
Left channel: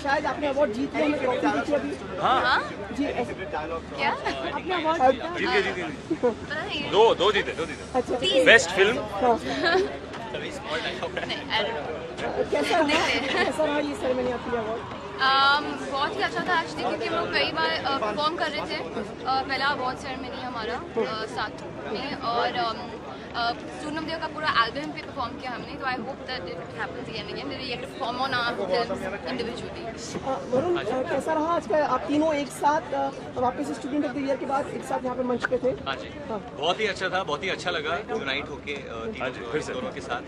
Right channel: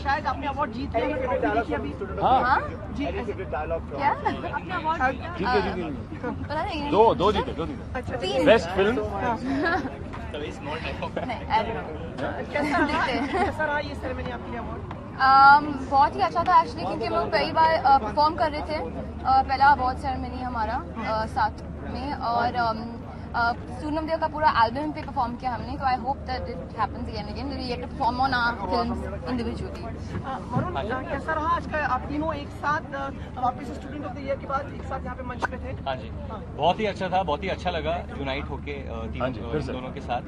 शायद आपने अवार्ड जीत लिया अभी। हाँ जी दो जीते बेस्ट फिल्म। कैसा रहा ये सेरेमनी आपकी अवार्ड? बहुत ही अच्छा था एक्चुअली, क्योंकि वो कई बार परफॉर्म कर रहे थे। पहला अवार्ड सेरेमनी हमारा साथ में, और सूनम देव का पूरा एल्बम पे परफॉर्म किया हमने, तो I hope that it happens again and we get to perform on our films individually. Varun, कैसा रहा आज का? आप तीनों एक साथ वापस स्टूडेंट ऑफ द ईयर के बाद एक साथ यहाँ पे मंच पे थे? हाँ जी, बहुत ही अच्छा था, बहुत ही अच्छा लगा यूनाइट होके दोनों के साथ।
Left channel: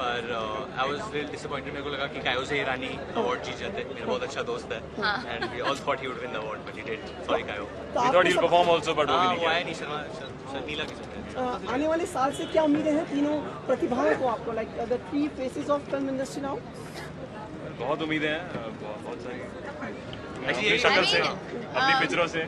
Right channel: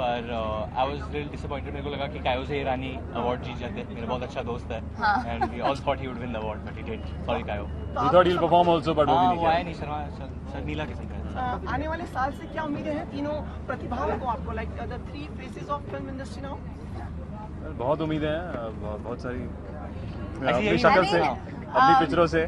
पर आई वाज रियली डिसअपॉइंटेड, मेरे को लगा कि कायो से ईरानी अवार्ड जीत जाते। मेरा बहुत अच्छा दोस्त है and we all thought he would win the award, but he did. Sorry कायो। We thought he will perform also, but वो वो आया नहीं। शर्मिला के साथ। आने वाले साल से क्या उम्मीदें हैं तीनों प्रतिभाओं को आपको, like the three faces of film industry now? बहुत उम्मीदें हैं, बहुत सारी, अपनी शक्ल से, अपनी पिक्चरों से।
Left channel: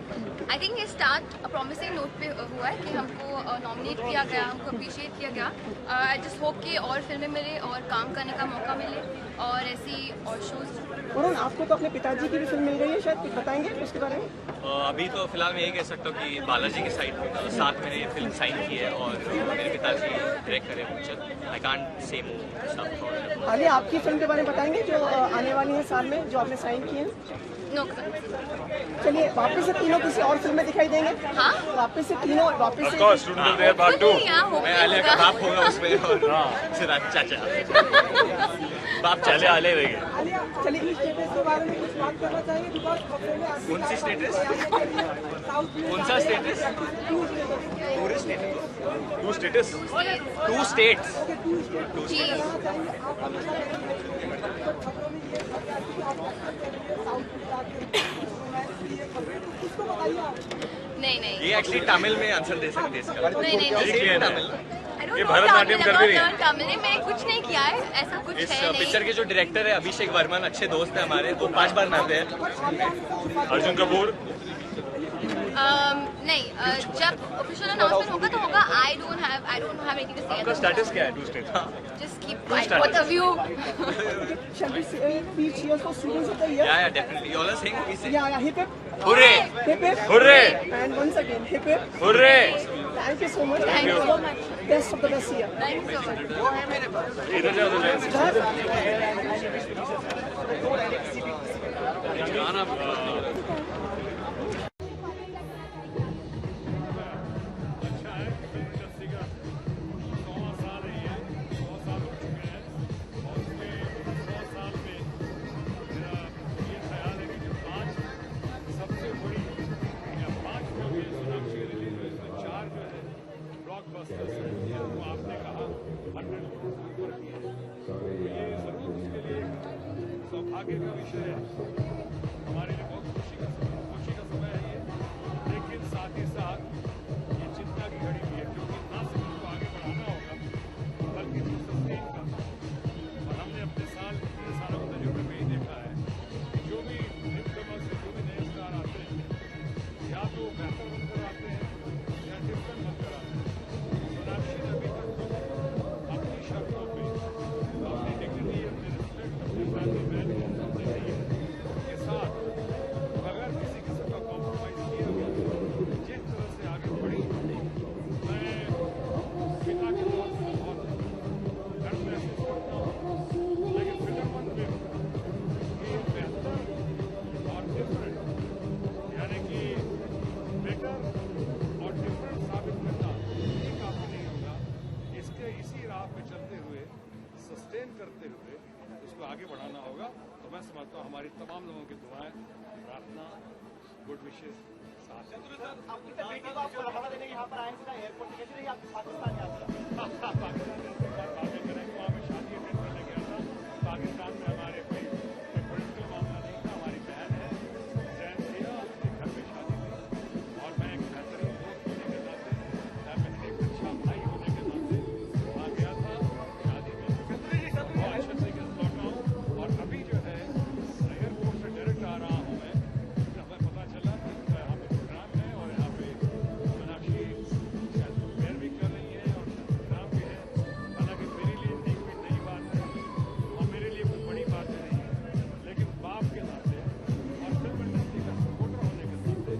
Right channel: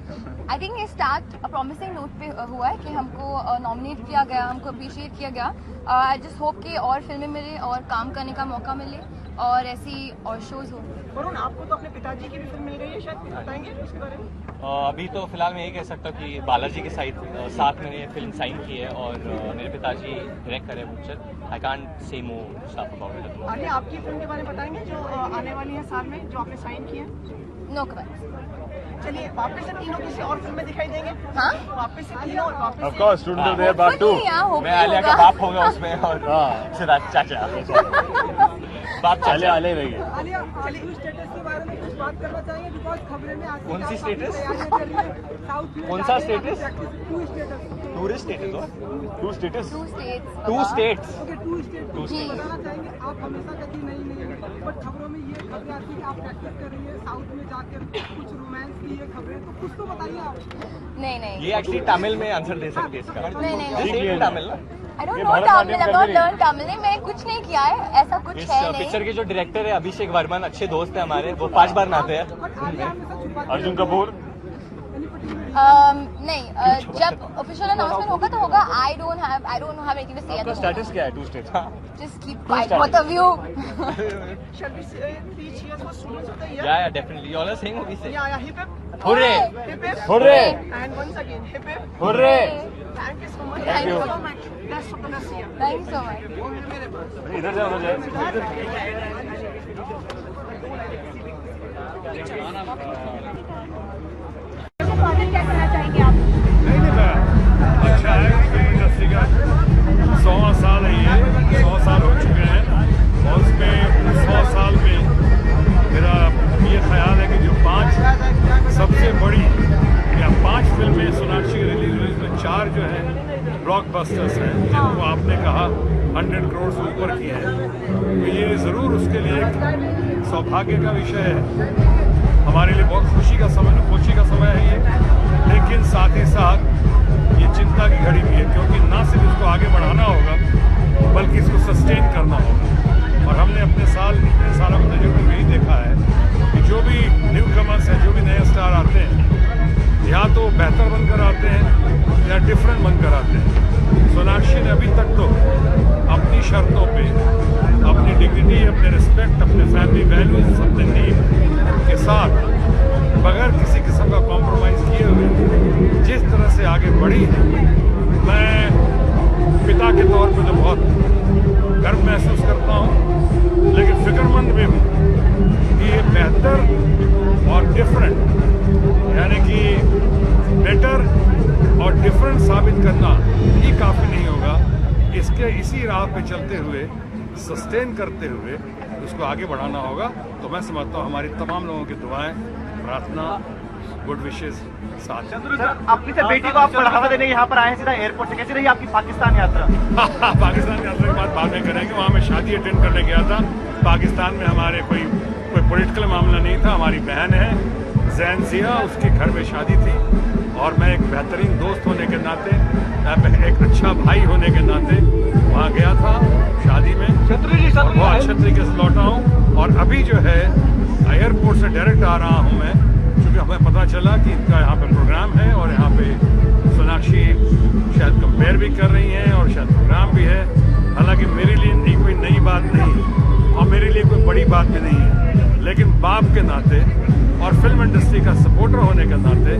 आई थिंक ये स्टार्ट प्रॉमिसिंग नोट पे हुआ है कि हमको नॉमिनेट किया गया, हमको अप्रिशिएट किया गया। आई जस्ट होप कि और फिल्में मिले और काम करने का मौका मिले और ऐसी और शोज। वरुण, आपको तो अपने पिताजी की भी फिल्म मिल गई है, शायद कुछ बताएंगे इसके बारे में? अभी तो फिलहाल मैं यही कह सकता हूँ कि बालाजी के साथ मैंने ये फिल्म साइन की है और मेरे पिताजी डायरेक्ट करे picture. I can't say more stuff about it. Alia, आपकी फिल्म के बारे में बताएंगे जो आने वाली है साल में, जो आपने साइन की है? नो। चलिए, वापस से तीनों किसी और फिल्म में दिखाई देंगे? हाँ, वापस से तीनों, वापस of course student of the year part 2। मैं आलिया का बाप होगा उसमें और सिद्धार्थ चाचा बाप चले आले रहेंगे। आलिया, चलिए स्टेटस के बारे में कुछ बात करना चाहिए, बिकॉज़ खबरें में कौन सी स्टेटस? कौन सा status? Tourist status? Two status? Two states? Two states. आप हमेशा कहीं नहीं मिले, बट खबरों में ये खबर आती है आप एक्टर कर रही है, साउथ में जाकर कुछ रोमांस की ये खबरें, तो कुछ तो बताइए आप। नहीं ये एक्चुअली तमिल में आंसर दे सकते हैं इसका। नहीं Tamil. I don't know Tamil, I've not learned Tamil. मैंने कुछ नहीं किया है, ऐसा कुछ इस है नहीं। पिक्चर के जो डायरेक्टर है अभिषेक वर्मन, अच्छे दोस्त हैं हमारे, वो 5 बार नहाते हैं। अर्जुन कपूर नहीं, जब ऑफिशियल अनाउंसमेंट होगा तो होगा। I don't have anything to say. आपका स्टेटस क्या है? 2 state. Just keep my point of view. Shall we say 3 cheers for students of the year? Yeah, definitely. You all are saying what we say. Yeah, hip hip. Hooray! Hip hip. Hooray! And once again, hip hip. Hooray! Thank you so much. Thank you so much. Best of the best year. Thank you so much. इधर जाओ, उधर जाओ। क्या करना चाहेंगे आप? अच्छा है, फिल्म इंडस्ट्री का 100 साल है, ये 100 साल हो चुके हैं और उसमें 100 साल में मेरा ये ख्याल है कि जो 5 सबसे बड़ी या 5 फिल्में सोनाक्षी की रिलीज हुई, तो 4 जो हैं ब्लॉकबस्टर्स हैं, जिनको आपने कहा 100 करोड़ से ऊपर किए हैं, तो ये ज़रूर उसके लिए एक सौभाग्य का विषय है। हमारे लिए बहुत खुशी का समय है ये, लेकिन साथ ही साथ ये चिंता की घड़ी भी है, क्योंकि ना सिर्फ इसको आगे बढ़ाना होगा बल्कि इसको सस्टेन करना होगा। और हमने अपने सालों के तजुर्बे में ही देखा है कि जो भी न्यू कमर्स हैं, जो भी नए स्टार आते हैं, या तो बेहतर बनकर आते हैं या डिफरेंट बनकर आते हैं। सोनाक्षी ने अभी तक तो अपनी शर्तों पे, अपनी डिग्निटी, अपने रिस्पेक्ट, अपने फैमिली वैल्यूज, अपने नीड के साथ बगैर किसी किस्म का कॉम्प्रोमाइज़ किए हुए जिस तरह से आगे बढ़ी है, मैं पिता के तौर पे तो बहुत गर्व महसूस करता हूँ, लेकिन फिक्रमंद भी हूँ कि ये बेहतर और डिफरेंट, यानी कि बेटर और डिफरेंट साबित करना ही काफ़ी नहीं होगा। इसी राह पे चलते हुए, सस्टेन करते हुए उसको आगे बढ़ाना होगा। तो मैं समझता हूँ हमारी तमाम लोगों की दुआएं, प्रार्थना, गुड विशेज़ साथ हैं। अपनी बेटी को आप बढ़ावा देने यहाँ पर आए सीधा एयरपोर्ट से, कैसी रही आपकी पाकिस्तान यात्रा? पाकिस्तान यात्रा की बात बाद में करेंगे। वहाँ मैं शादी अटेंड करने गया था पाकिस्तान में। हमारे कोई पॉलिटिकल मामला नहीं था। हमारी बहन है जैन जिया, उसके घर में शादी थी और मैं एक बेहतरीन दोस्त होने के नाते, एक अच्छा भाई होने के नाते वहाँ गया था शादी में। बहुत अच्छे तरीके से लौटा हूँ और अभी जो है एयरपोर्ट से डायरेक्ट आ रहा हूँ मैं, क्योंकि हमें पता चला कि इनका यहाँ पे प्रोग्राम है और यहाँ पे सोनाक्षी शायद कंपेयर भी कर रही हैं और शायद प्रोग्राम भी है। हालांकि मेरे लिए कोई नई बात नहीं और मेरे लिए कोई बड़ी बात भी नहीं है, लेकिन बाप के नाते और फिल्म इंडस्ट्री का सपोर्टर होने के नाते,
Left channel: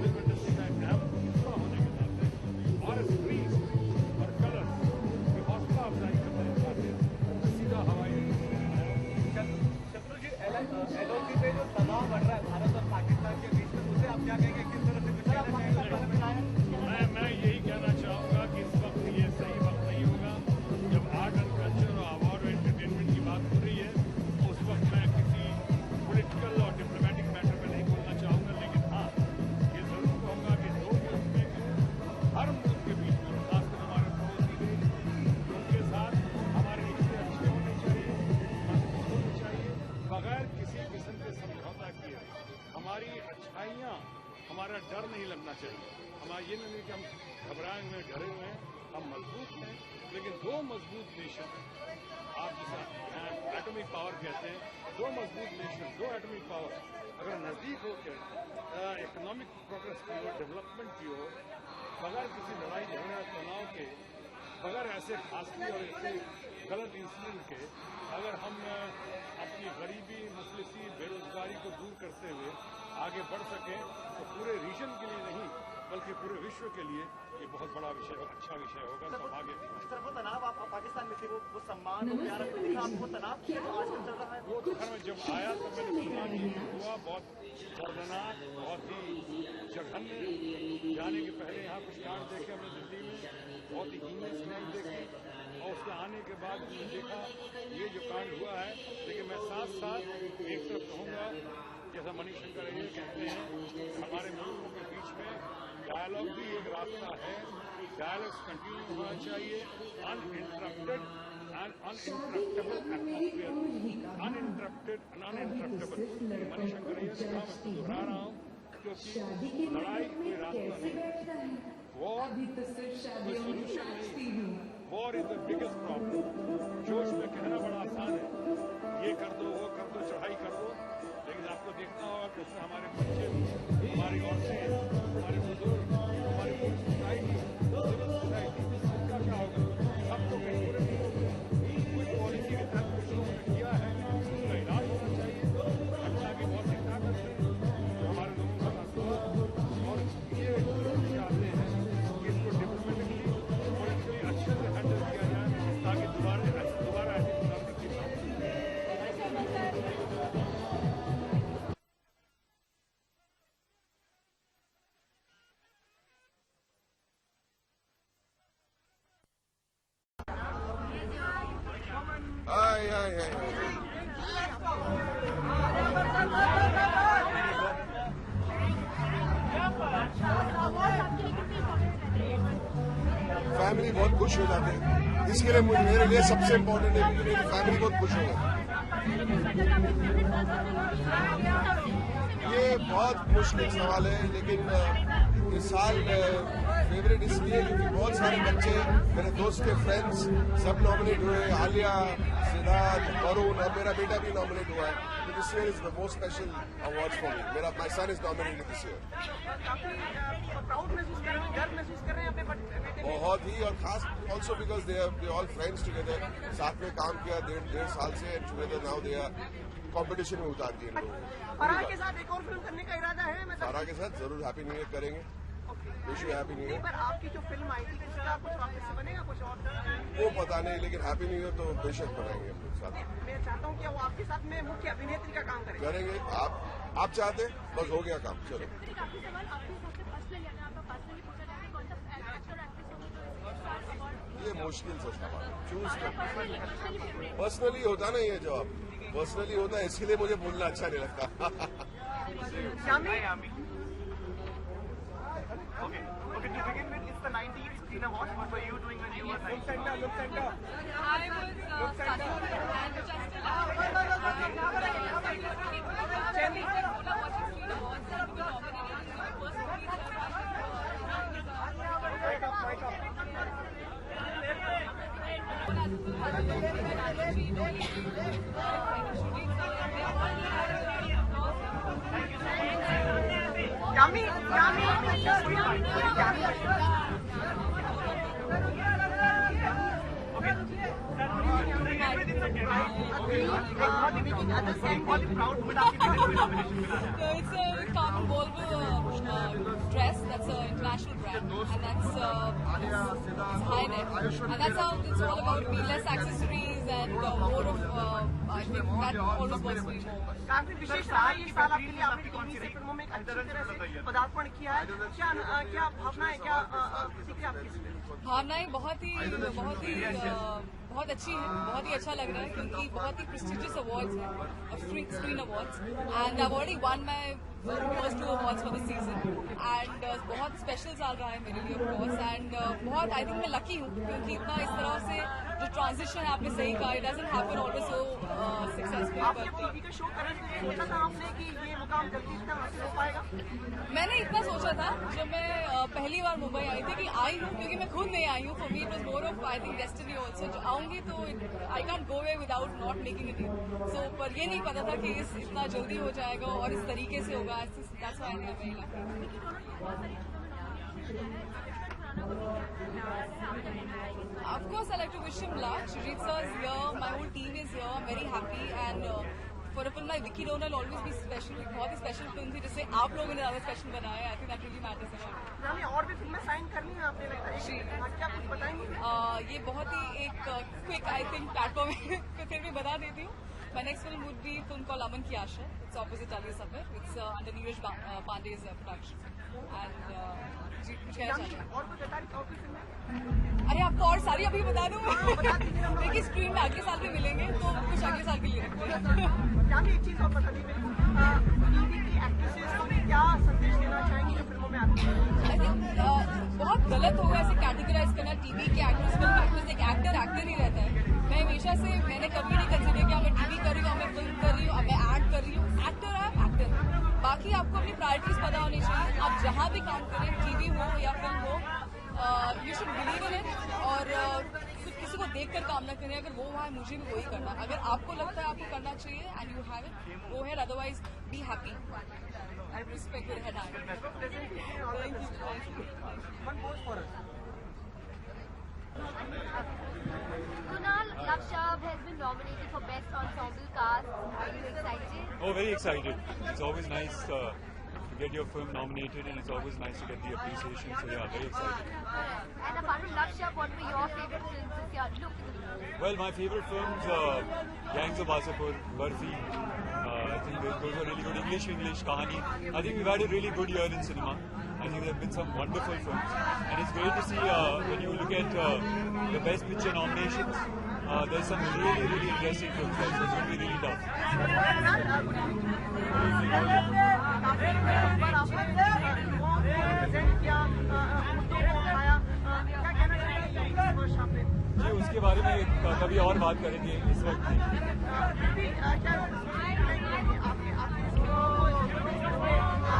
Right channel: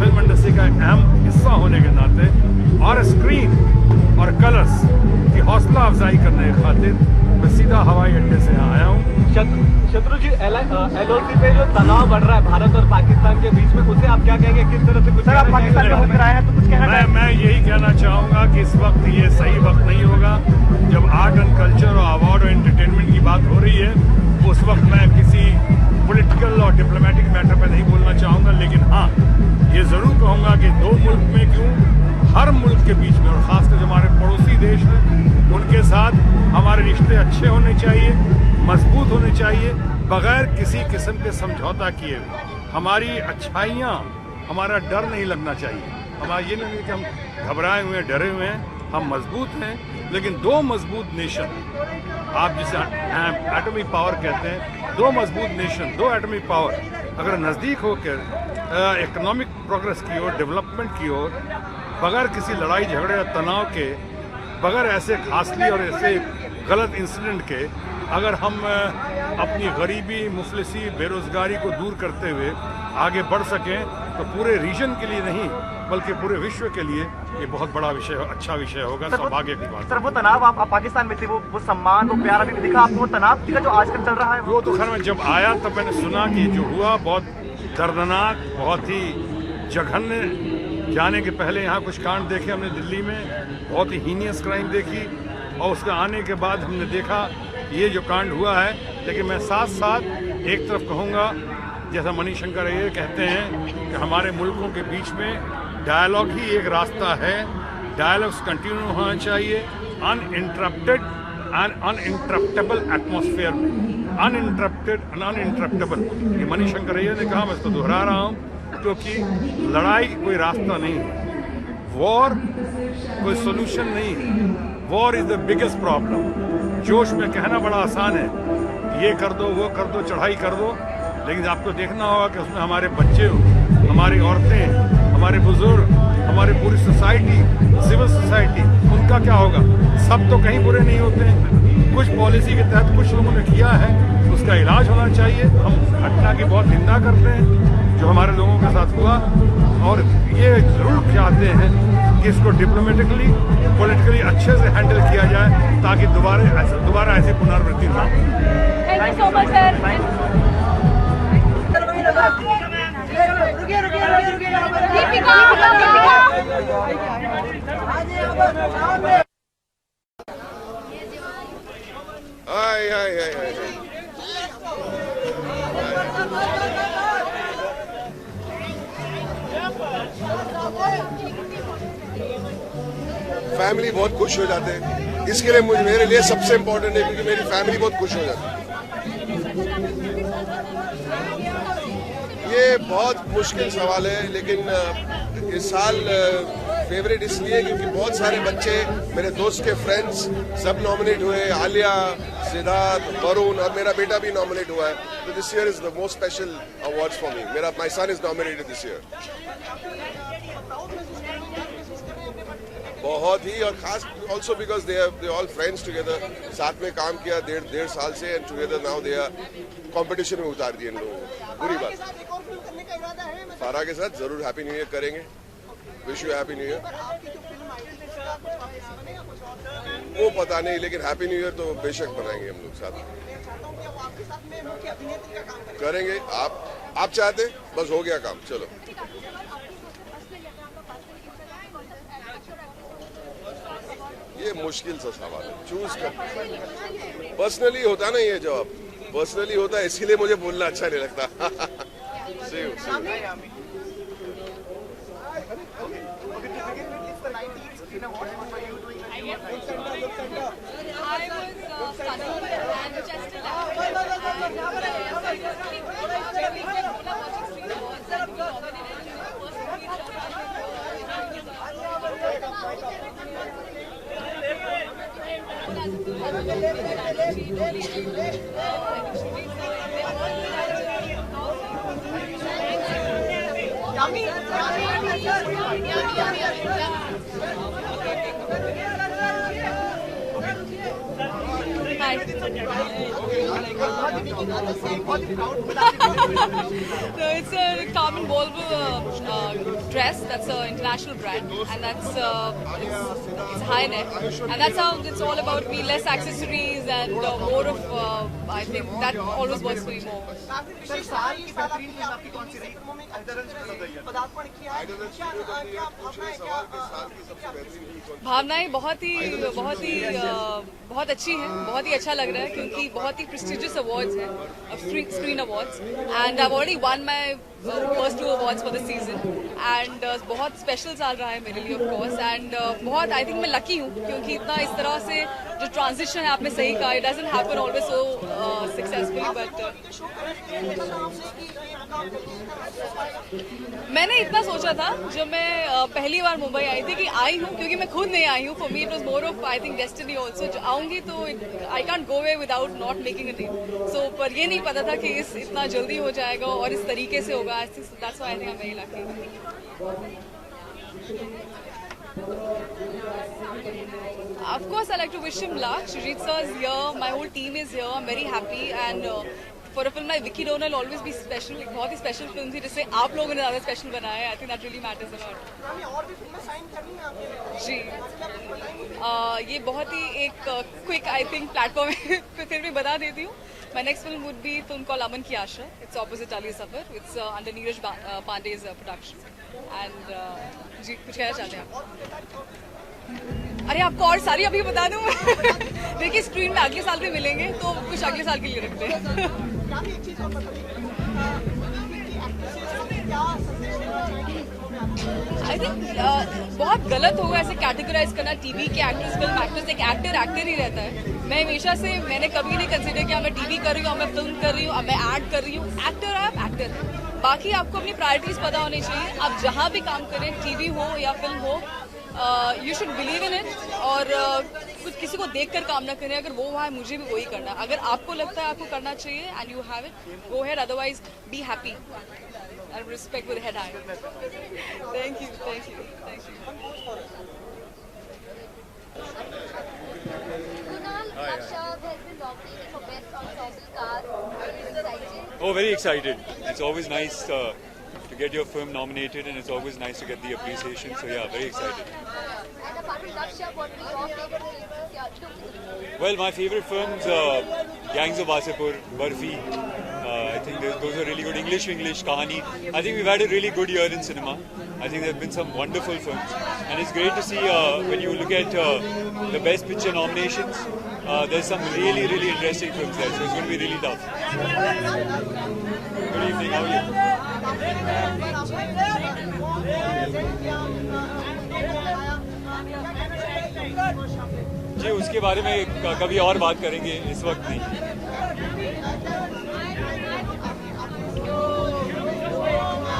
फिल्म इंडस्ट्री का अहम हिस्सा होने के नाते और स्क्रीन और कलर्स की हौसला अफजाई करने की खातिर मैं सीधा हवाई अड्डे से यहाँ आया हूँ। शत्रु जी, LOC पे जो तनाव बढ़ रहा है भारत और पाकिस्तान के बीच में, उसे आप क्या कहेंगे? किस तरह से कुछ आप पाकिस्तान में होकर आए हैं तो कुछ कहना चाहेंगे? मैं यही कहना चाहूँगा कि इस वक्त ये सही वक्त नहीं होगा जब आर्ट एंड कल्चर और अवार्ड और एंटरटेनमेंट की बात हो रही है। उस वक्त मैं किसी पॉलिटिकल और डिप्लोमेटिक मैटर पर नहीं बोलना चाहूँगा, लेकिन हाँ ये ज़रूर कहूँगा कि 2 मुल्क में क्यों, हर मुल्क के बीच में और ख़ासकर जो हमारे पड़ोसी देश हैं उनके साथ हमारे रिश्ते अच्छे होने चाहिए, मजबूत होने चाहिए, बगैर किसी किस्म के समझौता किए। हमारी अच्छाइयाँ, हमारा डर नहीं लगना चाहिए। हमारा ये नहीं कि हम घबराए हुए हैं, डरे हुए हैं, हम मजबूत हैं। लेकिन 2 मजबूत नेशन, आप जिसे एटॉमिक पावर कहते हैं, 2 मजबूत नेशन, 2 एटॉमिक पावर अगर नज़दीक होकर इकोनॉमिक प्रोग्रेस की ओर, डेवलपमेंट की ओर, बगैर किसी लड़ाई झगड़े और तनाव के, बगैर ऐसे खासली और ऐसे गलत इंसिडेंट के, अगर हम अपनी गरीबी, मुफलिसी, बेरोज़गारी को दूर करते हुए आगे बढ़ सकें तो पूरे रीजन के लिए नहीं बल्कि पूरे विश्व के लिए ये बहुत बड़ा विषय, अच्छा विषय होगा। सौभाग्य की बात। सर, वो तनाव आप पाकिस्तान में थे, वो सम्मान, वो प्यार अभी दिखा आपको? वो तनाव का जो आजकल चल रहा है वो तो खैर मैं जब आया तब मैंने सुना कि जो हुआ बहुत दर्दनाक, बहुत ही जघन्य। जाने के पहले यहाँ कुछ कांड देखे हमने दिल्ली में, बहुत ही हीनियस क्राइम देखी, और उसके आने के बाद हमने देखा ये जो कांड हुआ है। लेकिन मैं साथ साथ एक तरफ कहूँगा, जैसा मणिशंकर ये कहते हैं कि हमारे मुल्कों के बीच में डायलॉग ही एक रास्ता है, डायलॉग्स कंटिन्यू होना चाहिए अनइंटरप्टेड एंड अनइंटरप्टेबल एटमॉस्फेयर में। अनइंटरप्टेड एंड अनइंटरप्टेबल, ये मणिशंकर ये ने कहा, मैं इसको दोहरा रहा हूँ क्योंकि लड़ाई कोई रास्ता नहीं है, वॉर कोई सोल्यूशन नहीं है। War is the biggest problem. जोश में कहना बड़ा आसान है, ये कर दो, वो कर दो, चढ़ाई कर दो, लेकिन आपको देखना होगा कि उसमें हमारे बच्चे, हमारी औरतें, हमारे बुजुर्ग, हमारी पूरी सोसाइटी, सिविल सोसाइटी, उनका क्या होगा? सब तो कहीं बुरे नहीं होते हैं। कुछ पॉलिसी के तहत कुछ लोगों ने किया है, उसका इलाज होना चाहिए। हम घटना की बहुत निंदा करते हैं जो हमारे लोगों के साथ हुआ, और ये जरूर चाहते हैं कि इसको डिप्लोमेटिकली, पॉलिटिकली अच्छे से हैंडल किया जाए ताकि दोबारा ऐसी पुनरावृत्ति ना हो। Thank you so much, sir. Family बहुत खुश हो जाते हैं, इसके लिए मेरे लिए सबसे इम्पोर्टेंट है क्योंकि मेरी फैमिली बहुत खुश हो जाती है। ये बहुत मुश्किल सवाल है, लेकिन इस साल फेवरेट इसलिए क्योंकि बहुत सारे बच्चे, मेरे दोस्त के फ्रेंड्स सब नॉमिनेट हुए। आलिया, सिद्धार्थ, वरुण और मेरा बेटा भी नॉमिनेट हुआ है। तो this year is the most special awards for me. My son is nominated this year. बहुत ही, और खास also because they all friends together, साथ में काम किया डेढ़ साल से, and together now they are competition में उतार दिए इन लोगों को। बुरी बात। सारा के साथ जरूर हैप्पी न्यू ईयर करेंगे। Wish you happy new year. वो पता नहीं, लेकिन हैप्पी न्यू ईयर तो बेशक बनाएंगे हम लोग साथ करेंगे। आप चाहते, बस हो गया काम, चलो। ये मुश्किल सा सवाल है, चूज कर। पर्सनली होता ना ये जवाब, पर्सनली होता है, इसीलिए मुझे बोलना अच्छा नहीं लगता। No, it's a Carmen Volvo dress. That's an international brand, and that's it's high neck, and that's how it's all about me. Less accessories and more of I think that always works for me more. भावनाएं बहुत अच्छी हैं, बहुत ही अच्छा लग रहा है क्योंकि बहुत ही प्रेस्टिजियस अवार्ड्स हैं, screen awards, and I already one my first 2 awards for the season, and बहुत स्पेशल साल रहा है मेरे लिए ऑफ कोर्स, एंड बहुत आई थिंक मैं लकी हूँ क्योंकि इतना इस तरह से जो ट्रांजिशन है आपने सही कहा, it doesn't happen always so successfully, but मैंने इतना सोचा था जब मैं पहली बार मुंबई आई थी कि आई हूँ क्योंकि मैं खुद नहीं आई हूँ, for me it was more of I think destiny also, जो आऊँगी तो I can't go away without not making a name, so पर ये नहीं पता था कि इतना जल्दी हो जाएगा और इस तरीके से होगा, that's why I think I am very lucky. Of course, I like to wish him luck. Shrijit sir is here. My whole team is here. I'm very happy. And for a film like Vicky Donor, will always be special. एक बहुत ही special film थी जिसे आप लोगों ने ज़्यादा special बनाया है. I think that really matters a lot. जी, ये बहुत ही एक quick I think platform है. फिर भी बता देती हूँ. My next film would be film called Aman Ki Asha. It's opposite Ali Safar. It's under Neeraj Pandey's production. And जी कुछ कहना चाहते हैं? अरे आपको और सारी अभी बता दूँ। देखिए स्क्रीन में अगले साल भी मिलेंगे तो कुछ अगले साल के लिए रखते हैं। आई थिंक बहुत गलत होगा ऐसे कैटेगराइज करना टीवी के एक्टर्स, फिल्म एक्टर्स। एक एक्टर ही रहता है। मैं हमेशा से मैंने कभी नहीं कंसिडर किया मैं टीवी कर रही हूँ, मैं फिल्म कर रही हूँ, मैं एड कर रही हूँ। एक्टर आप एक्टर है, बाकी आपको अपनी प्रायोरिटीज पता होनी चाहिए। आप जहाँ भी काम करें, टीवी हो या फिल्म हो, you should believe in it और कुछ किसी को देख कर काम ना करें, अगर वो है मुझे भी वही करना, अगर आपको लगता है आपको करना चाहिए and you have it, go ahead, otherwise be happy and respect with head hand. Thank you, thank you, thank you. Kunal Akshav has been nominated for Best Ensemble Cast. Are you excited? Oh, very excited. It's always nice to get your film nominated, and it's always nice to get the appreciation. So yeah, very excited. And apart from Akshav, what were your favorite films this year? Look at the movie. Well, my favorite films, Gangs of Wasseypur, Barfi. I think those are really good. English, Kahani. I think we've had a really good year in cinema. I think there have been some wonderful films, and it's great to see when you look at the Best Picture nominations. There's some really, really interesting films there, so it's going to be really tough. Good evening. How are you? जी उसके बारे में कभी और बात करेंगे, इस वक्त नहीं।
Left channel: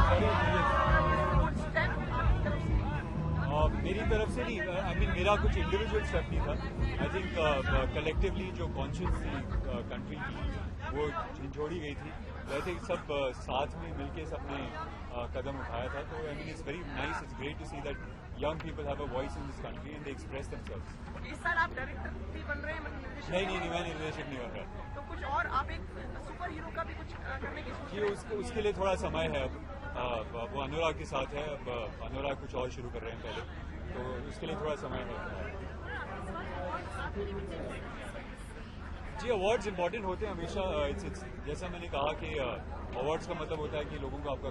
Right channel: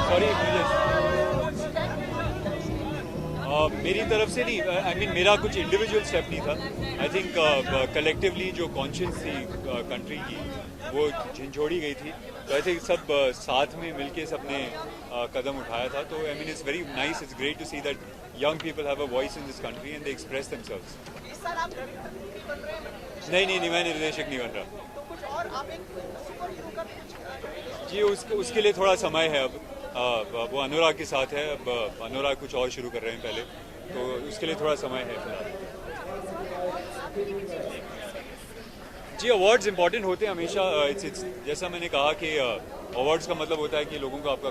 सॉरी, मेरी तरफ से नहीं, आई मीन मेरा कुछ इंडिविजुअल स्टेप नहीं था। आई थिंक कलेक्टिवली जो कॉन्शियस थी कंट्री की वो झंझोड़ी गई थी, तो आई थिंक सब साथ में मिलके सबने कदम उठाया था। तो I mean it's very nice, it's great to see that young people have a voice in this country and they express themselves. नहीं, मैं निर्देशक नहीं बन रहा। तो कुछ और आप एक सुपर हीरो का भी कुछ जी उसके लिए थोड़ा समय है अब। वो अनुराग के साथ है, अब अनुराग कुछ और शुरू कर रहे हैं पहले, तो उसके लिए थोड़ा समय है। जी अवार्ड्स इंपॉर्टेंट होते हैं हमेशा। इट्स जैसा मैंने कहा कि अवार्ड्स का मतलब होता है कि लोगों को आपका